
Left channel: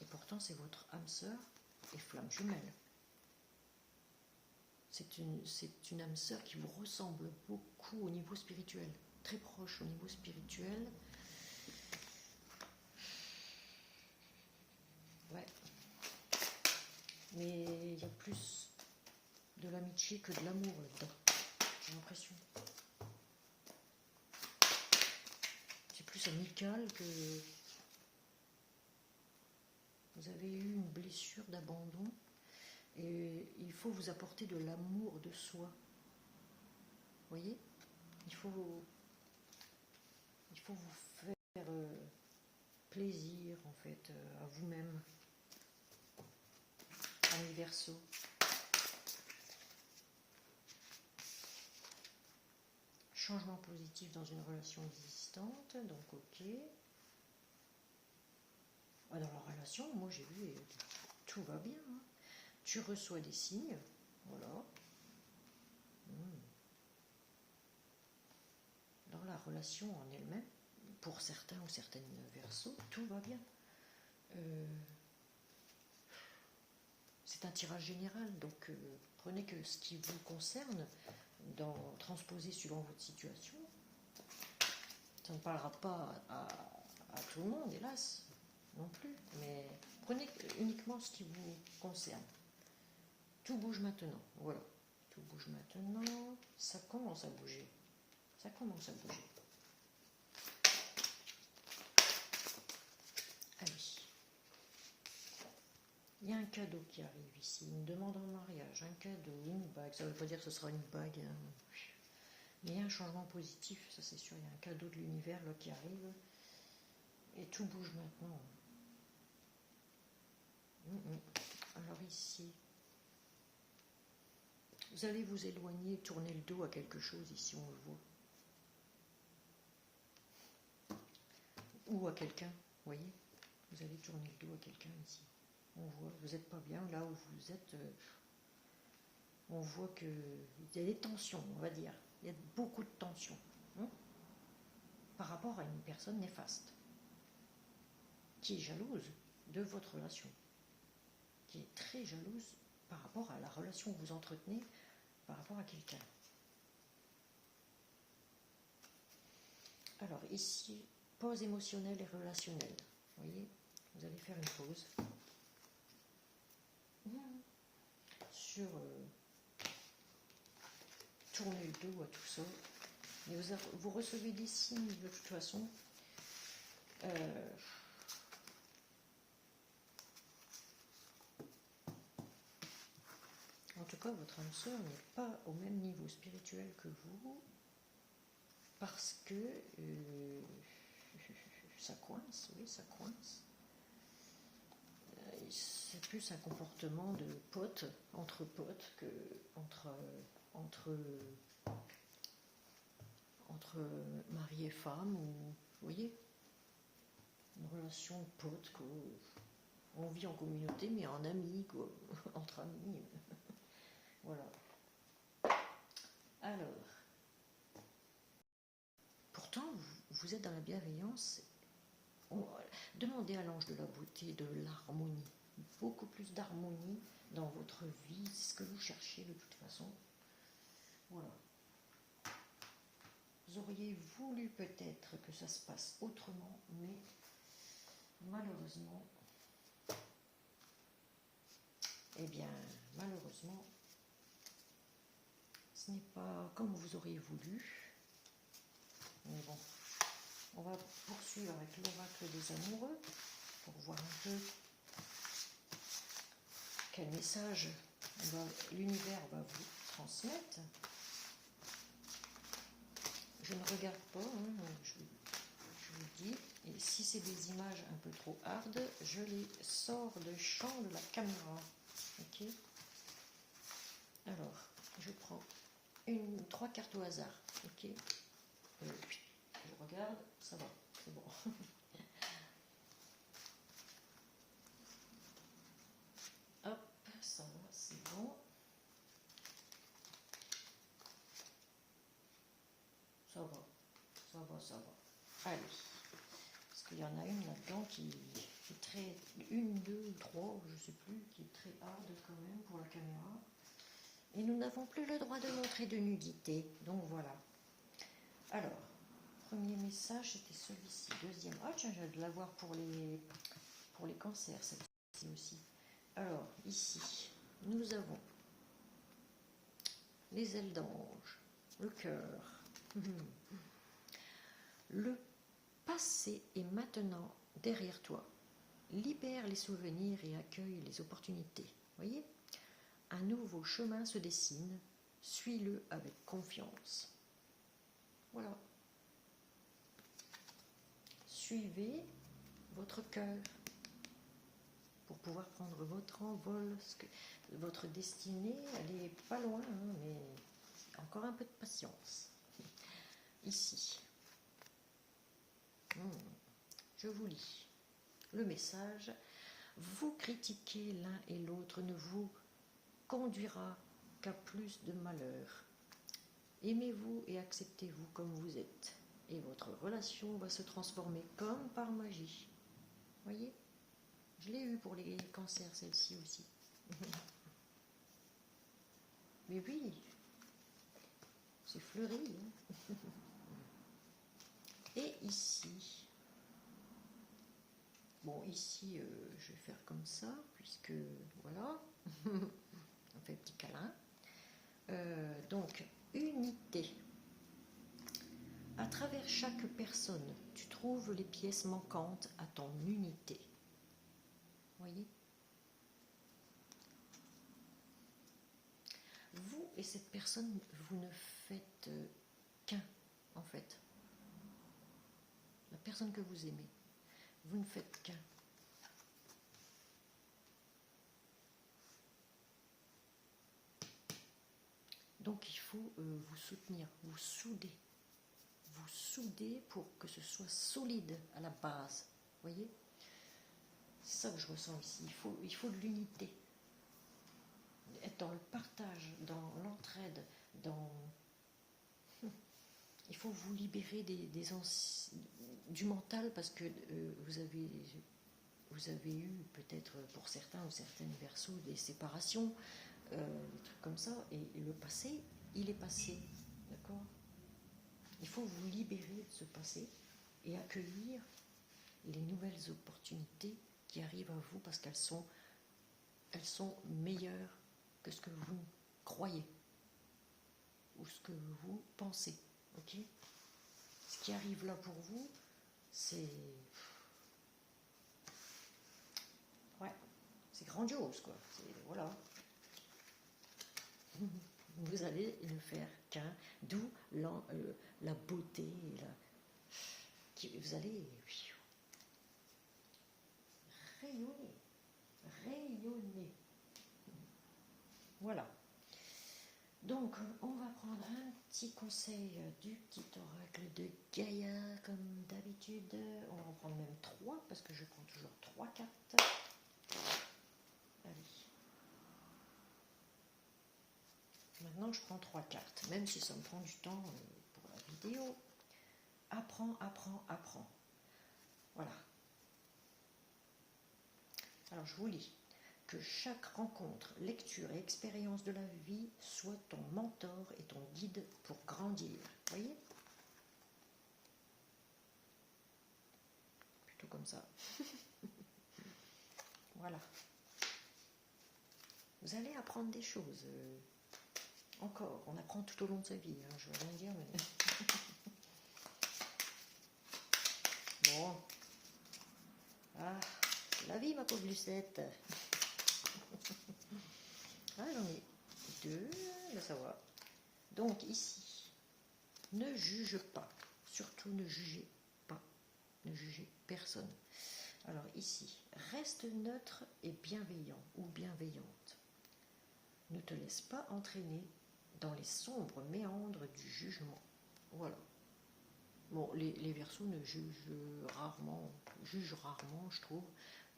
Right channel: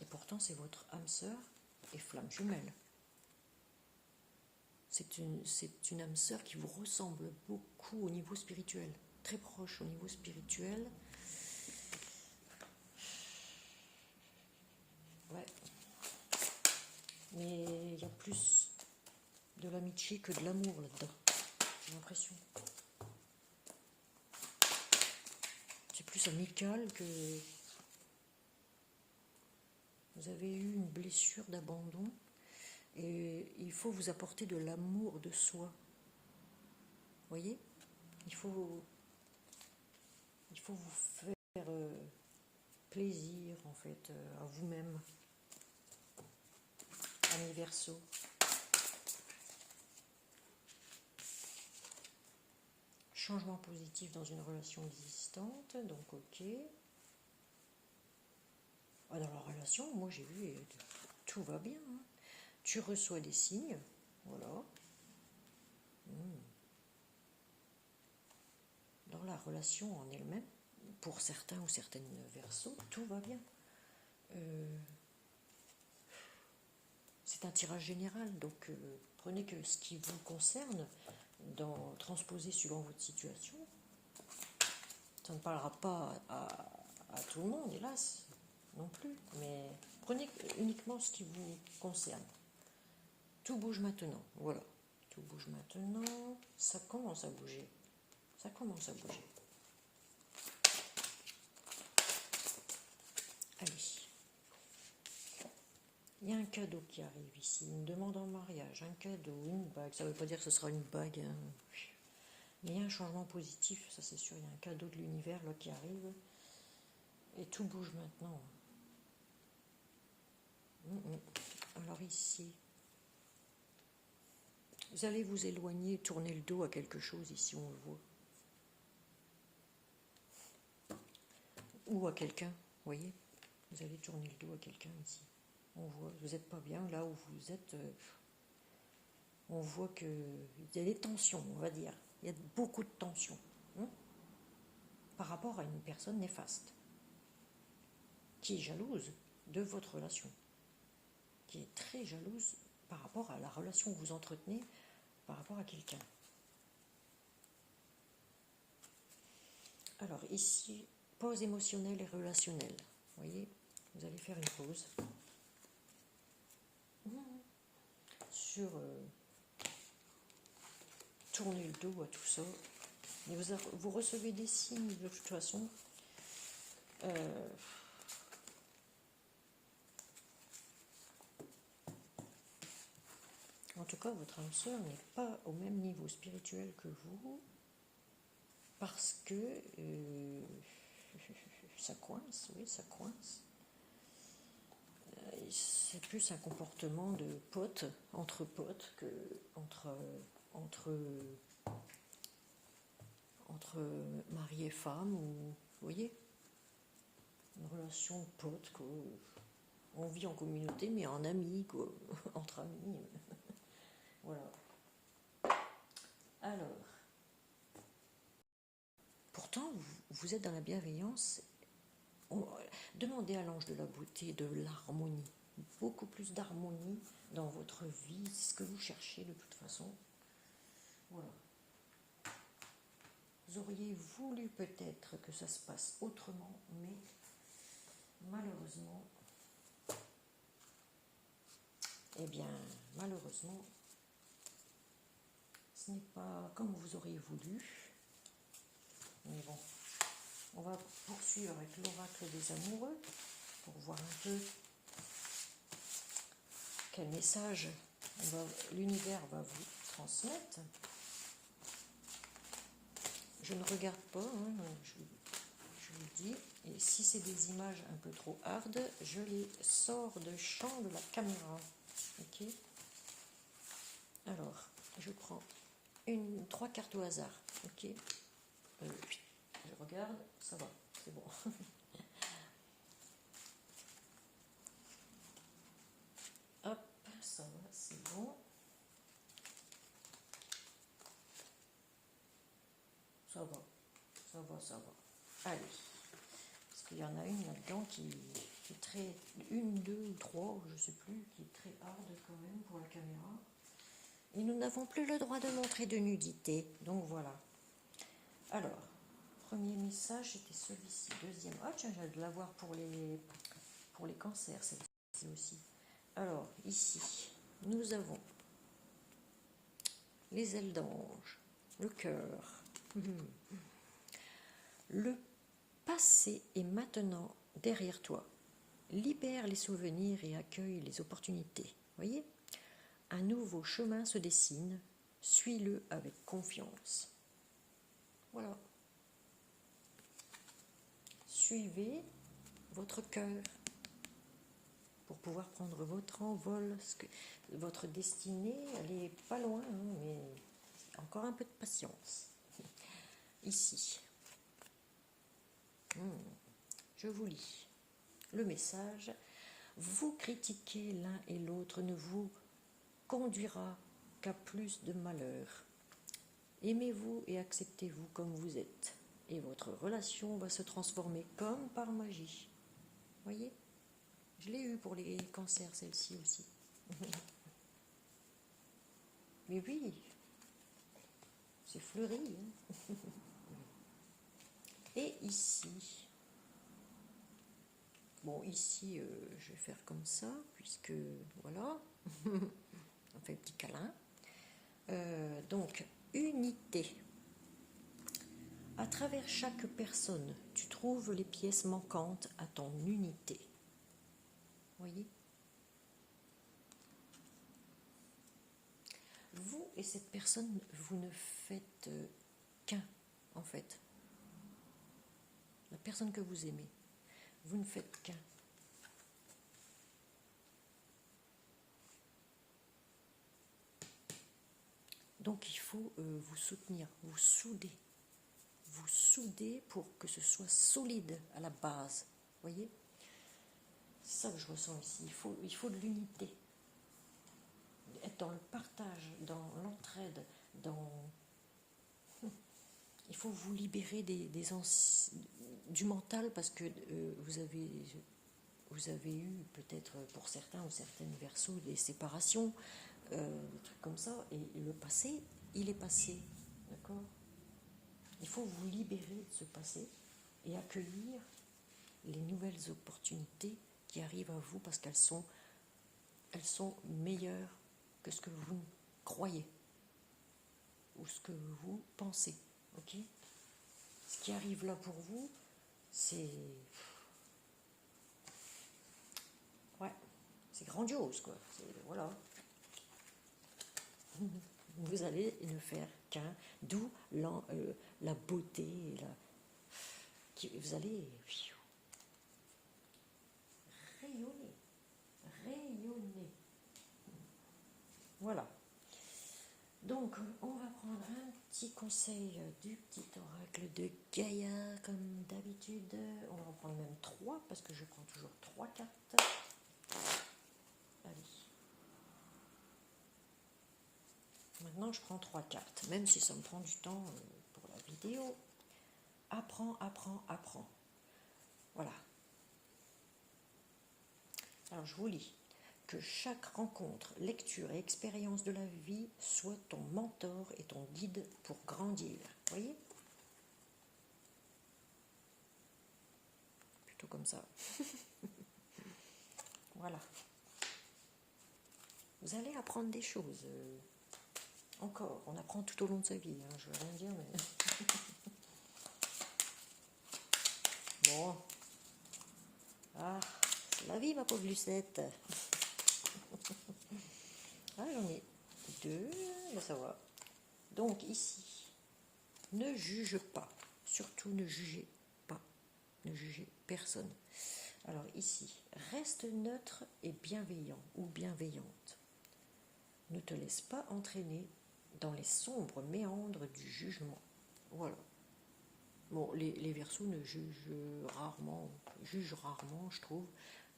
Et pourtant, c'est votre âme sœur et flamme jumelle. C'est une âme sœur qui vous ressemble beaucoup au niveau spirituel, très proche au niveau spirituel. Ouais. Mais il y a plus de l'amitié que de l'amour là-dedans, j'ai l'impression. C'est plus amical que... Vous avez eu une blessure d'abandon et il faut vous apporter de l'amour de soi. Vous voyez ? Il faut vous faire plaisir en fait à vous-même. Ami Verseau. Changement positif dans une relation existante, donc ok. Dans la relation, moi j'ai vu, tout va bien. Hein. Tu reçois des signes, voilà. Dans la relation en elle-même, pour certains ou certaines versos, tout va bien. C'est un tirage général, donc prenez que ce qui vous concerne, transposez suivant votre situation. Ça ne parlera pas à tout le monde, hélas, non plus, mais prenez uniquement ce qui vous concerne. Tout bouge maintenant, voilà. Tout bouge maintenant, ça commence à bouger. Ça commence à bouger. Allez. Il y a un cadeau qui arrive ici, une demande en mariage, un cadeau, une bague. Ça ne veut pas dire que ce sera une bague, hein. Mais il y a un changement positif, ça c'est sûr. Il y a un cadeau de l'univers là qui arrive. Et tout bouge maintenant. Alors ici, vous allez vous éloigner, tourner le dos à quelque chose, ici on le voit. Ou à quelqu'un, vous voyez. Vous allez tourner le dos à quelqu'un ici. On voit, vous n'êtes pas bien là où vous êtes. On voit qu'il y a des tensions, on va dire. Il y a beaucoup de tensions par rapport à une personne néfaste qui est jalouse de votre relation, qui est très jalouse par rapport à la relation que vous entretenez par rapport à quelqu'un. Alors ici, pause émotionnelle et relationnelle. Vous voyez, vous allez faire une pause sur tourner le dos à tout ça. Mais vous recevez des signes de toute façon. En tout cas, votre âme sœur n'est pas au même niveau spirituel que vous, parce que ça coince, oui, ça coince. C'est plus un comportement de potes, entre potes, que entre mari et femme, ou, vous voyez, une relation de potes, on vit en communauté, mais en amis, quoi, entre amis. Voilà. Alors, pourtant, vous êtes dans la bienveillance. Demandez à l'ange de la beauté de l'harmonie, beaucoup plus d'harmonie dans votre vie, c'est ce que vous cherchez de toute façon. Voilà. Vous auriez voulu peut-être que ça se passe autrement, mais malheureusement, eh bien, malheureusement, ce n'est pas comme vous auriez voulu. Mais bon, on va poursuivre avec l'oracle des amoureux pour voir un peu quel message l'univers va vous transmettre. Je ne regarde pas, hein, je vous dis, et si c'est des images un peu trop hard, je les sors de champ de la caméra. Ok. Alors, je prends 3 cartes au hasard. Ok. Je regarde, ça va, c'est bon. Hop, ça va, c'est bon. Ça va, ça va, ça va. Allez. Parce qu'il y en a une là-dedans qui est très... Une, deux ou trois, je ne sais plus, qui est très hard quand même pour la caméra. Et nous n'avons plus le droit de montrer de nudité. Donc voilà. Alors, premier message, c'était celui-ci. Deuxième. Ah tiens, j'ai de l'avoir pour les cancers, celle-ci aussi. Alors, ici, nous avons les ailes d'ange, le cœur. Le passé est maintenant derrière toi. Libère les souvenirs et accueille les opportunités. Voyez ? Un nouveau chemin se dessine. Suis-le avec confiance. Voilà. Suivez votre cœur pour pouvoir prendre votre envol. Parce que votre destinée, elle n'est pas loin, hein, mais encore un peu de patience. Ici. Je vous lis le message. Vous critiquer l'un et l'autre ne vous conduira qu'à plus de malheur. Aimez-vous et acceptez-vous comme vous êtes. Et votre relation va se transformer comme par magie. Voyez ? Je l'ai eu pour les cancers, celle-ci aussi. Mais oui, c'est fleuri. Hein. Et ici, bon, ici, je vais faire comme ça, puisque, voilà, on fait un petit câlin. Donc, unité. À travers chaque personne, tu trouves les pièces manquantes à ton unité. Voyez ? Vous et cette personne, vous ne faites qu'un, en fait. La personne que vous aimez, vous ne faites qu'un. Donc il faut vous soutenir, vous souder. Vous souder pour que ce soit solide à la base. Voyez ? C'est ça que je ressens ici. Il faut de l'unité. Être dans le partage, dans l'entraide, il faut vous libérer du mental parce que vous avez eu peut-être pour certains ou certaines versos des séparations, des trucs comme ça, et le passé, il est passé, d'accord ? Il faut vous libérer de ce passé et accueillir les nouvelles opportunités qui arrivent à vous parce qu'elles sont meilleures que ce que vous croyez ou ce que vous pensez. Ok? Ce qui arrive là pour vous, c'est grandiose, quoi. Voilà. Vous allez ne faire qu'un, d'où la beauté, vous allez rayonner, rayonner. Voilà. Donc, on va prendre un petit conseil du petit oracle de Gaïa, comme d'habitude. On va en prendre même 3, parce que je prends toujours 3 cartes. Allez. Maintenant, je prends 3 cartes, même si ça me prend du temps pour la vidéo. Apprends, apprends, apprends. Voilà. Alors, je vous lis. Que chaque rencontre, lecture et expérience de la vie soit ton mentor et ton guide pour grandir. Vous voyez? Plutôt comme ça. Voilà. Vous allez apprendre des choses. Encore, on apprend tout au long de sa vie. Hein, je ne veux rien dire, mais... Bon. Ah, c'est la vie, ma pauvre Lucette. Ah, j'en ai 2, ben ça va. Donc, ici, ne juge pas. Surtout, ne jugez pas. Ne jugez personne. Alors, ici, reste neutre et bienveillant ou bienveillante. Ne te laisse pas entraîner dans les sombres méandres du jugement. Voilà. Bon, les Verseaux jugent rarement, je trouve.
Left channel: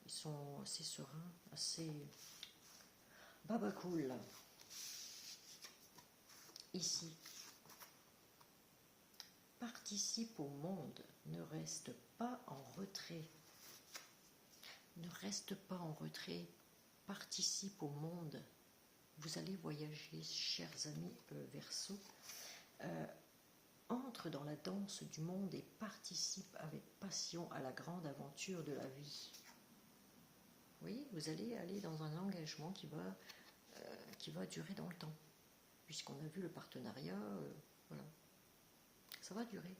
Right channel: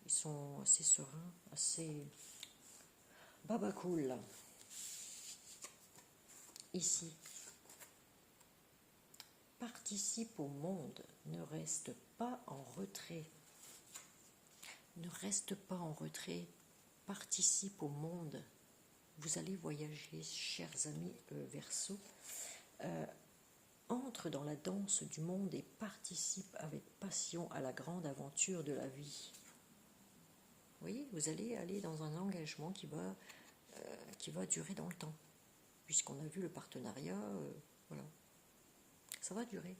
Ils sont assez sereins, assez baba cool. Ici, participe au monde, ne reste pas en retrait. Ne reste pas en retrait, participe au monde. Vous allez voyager, chers amis Verseaux. Entre dans la danse du monde et participe avec passion à la grande aventure de la vie. Vous voyez, vous allez aller dans un engagement qui va durer dans le temps. Puisqu'on a vu le partenariat, voilà. Ça va durer.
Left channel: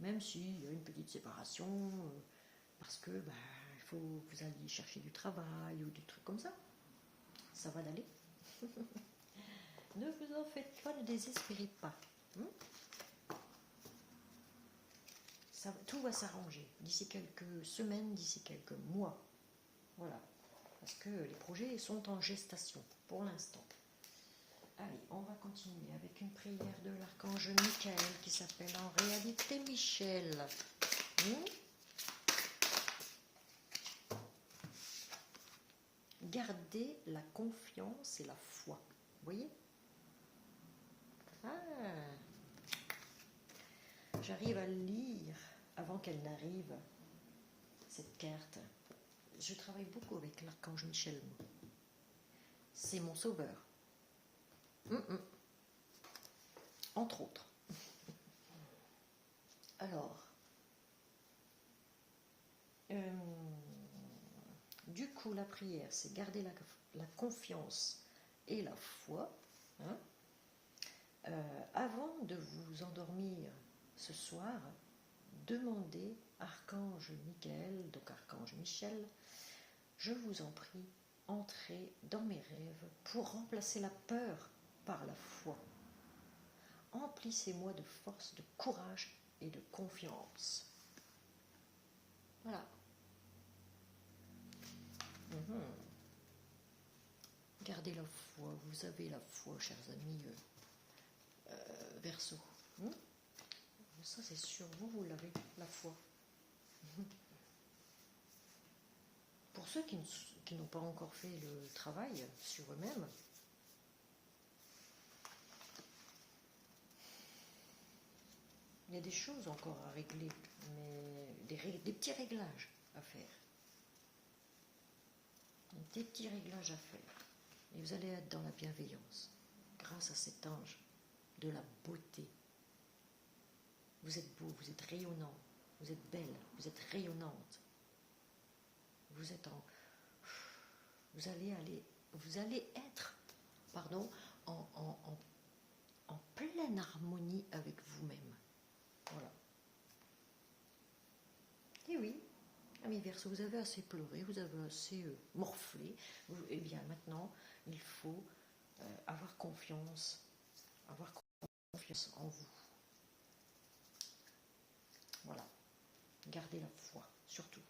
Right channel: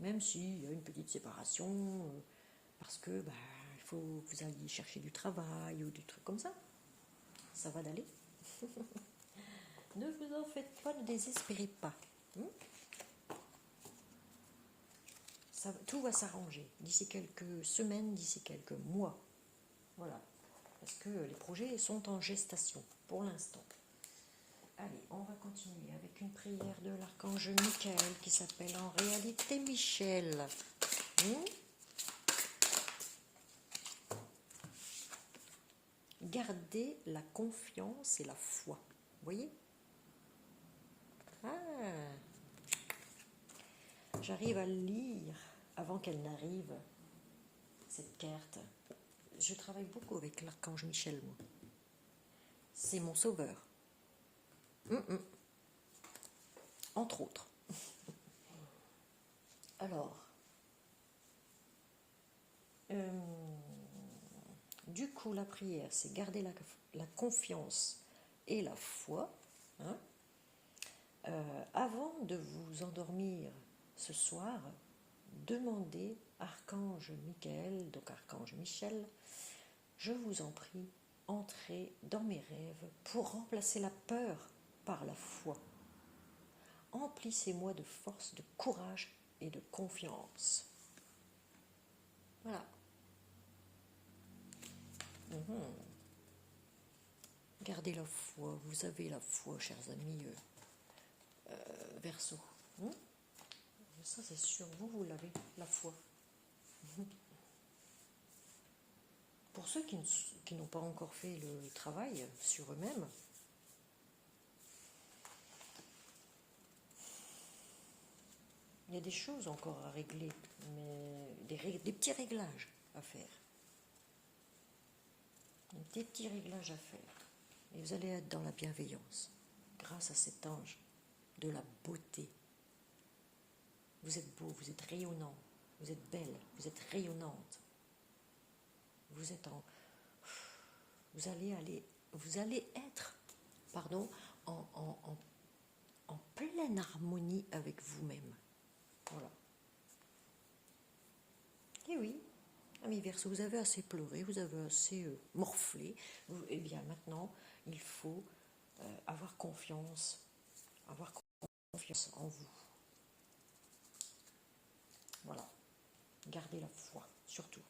Même s'il y a une petite séparation, parce que il faut que vous alliez chercher du travail ou des trucs comme ça. Ça va d'aller. Ne vous en faites pas, ne désespérez pas. Tout va s'arranger d'ici quelques semaines, d'ici quelques mois. Voilà. Parce que les projets sont en gestation pour l'instant. Allez, on va continuer avec une prière de l'archange Michael qui s'appelle en réalité Michel. Gardez la confiance et la foi. Vous voyez? J'arrive à lire avant qu'elle n'arrive, cette carte. Je travaille beaucoup avec l'archange Michel. C'est mon sauveur. Entre autres. Alors, du coup, la prière, c'est garder la confiance et la foi. Avant de vous endormir ce soir, demandez archange Michael, donc archange Michel, je vous en prie, entrez dans mes rêves pour remplacer la peur par la foi. Emplissez-moi de force, de courage et de confiance. Voilà. Gardez la foi, vous avez la foi, chers amis Verseaux. Ça c'est sûr, vous l'avez, la foi. Pour ceux qui n'ont pas encore fait le travail sur eux-mêmes, il y a des choses encore à régler, mais des petits réglages à faire. Des petits réglages à faire. Et vous allez être dans la bienveillance, grâce à cet ange de la beauté. Vous êtes beau, vous êtes rayonnant, vous êtes belle, vous êtes rayonnante. Vous êtes en... Vous allez être, pardon, en pleine harmonie avec vous-même. Voilà. Et oui, amis Verseau, vous avez assez pleuré, vous avez assez morflé. Eh bien maintenant, il faut avoir confiance en vous. Voilà. Gardez la foi, surtout.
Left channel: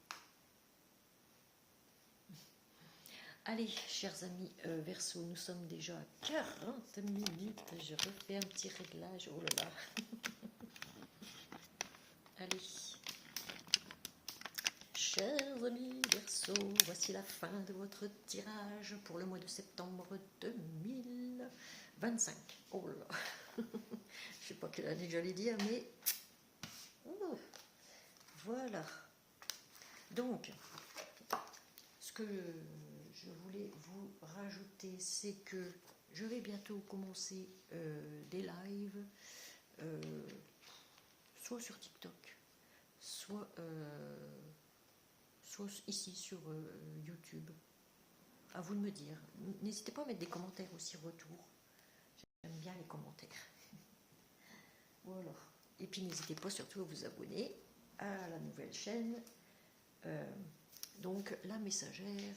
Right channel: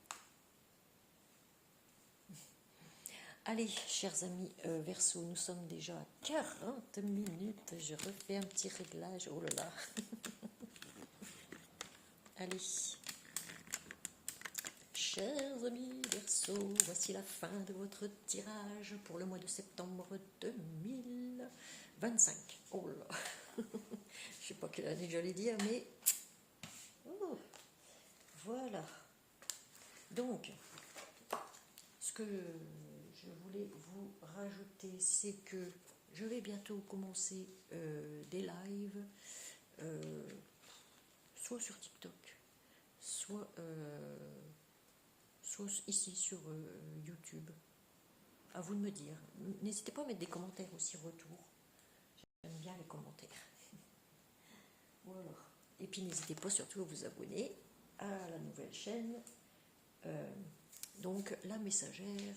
Allez, chers amis Verseau, nous sommes déjà à 40 minutes. Je refais un petit réglage. Oh là là. Allez. Chers amis Verseau, voici la fin de votre tirage pour le mois de septembre 2025. Oh là. Je ne sais pas quelle année j'allais dire, mais voilà. Donc, ce que je voulais vous rajouter, c'est que je vais bientôt commencer des lives, soit sur TikTok, soit ici sur YouTube. À vous de me dire. N'hésitez pas à mettre des commentaires aussi retour. J'aime bien les commentaires. Voilà. Et puis n'hésitez pas surtout à vous abonner à la nouvelle chaîne. Donc la messagère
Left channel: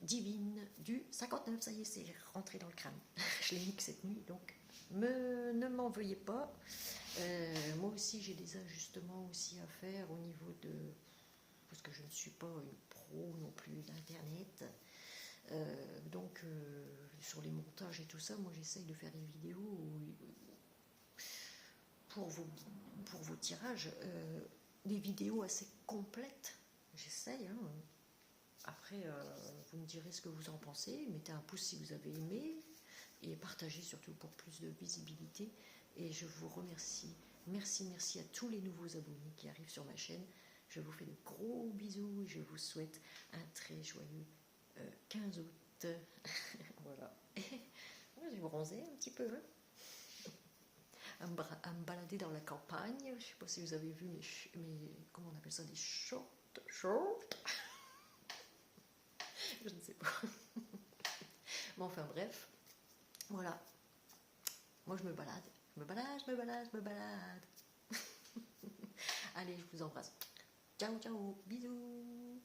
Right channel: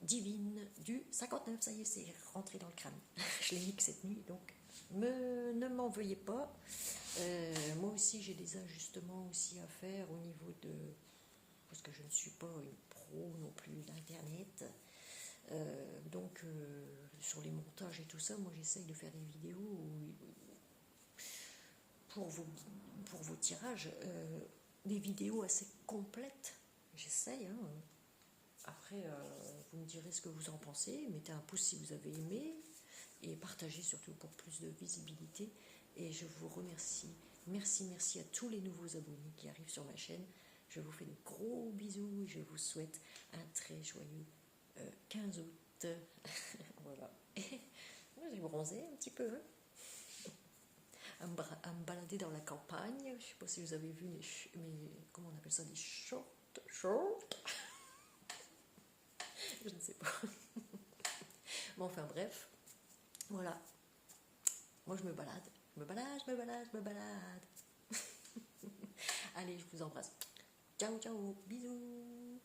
divine du 59. Ça y est, c'est rentré dans le crâne. Je l'ai mis que cette nuit, donc ne m'en veuillez pas. Moi aussi, j'ai des ajustements aussi à faire au niveau de... Parce que je ne suis pas une pro non plus d'Internet. Donc, sur les montages et tout ça, moi j'essaye de faire des vidéos pour vos tirages, des vidéos assez complètes. J'essaye, hein. Après, vous me direz ce que vous en pensez. Mettez un pouce si vous avez aimé et partagez surtout pour plus de visibilité. Et je vous remercie. Merci à tous les nouveaux abonnés qui arrivent sur ma chaîne. Je vous fais de gros bisous et je vous souhaite un très joyeux 15 août. Voilà. Moi, j'ai bronzé un petit peu, hein, à me balader dans la campagne. Je ne sais pas si vous avez vu mes comment on appelle ça, des shorts. Je ne sais pas. Bon, enfin bref, voilà. Moi, je me balade. Je me balade. Allez, je vous embrasse. Ciao, bisous.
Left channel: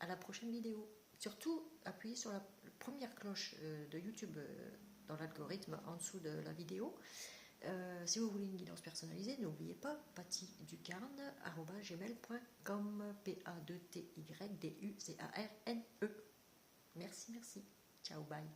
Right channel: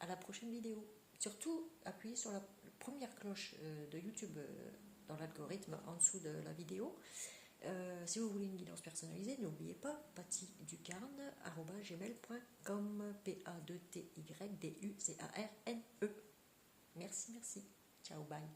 À la prochaine vidéo. Surtout, appuyez sur la première cloche de YouTube dans l'algorithme en dessous de la vidéo. Si vous voulez une guidance personnalisée, n'oubliez pas pattyducarne@gmail.com. PATYDUCARNE. Merci. Ciao, bye.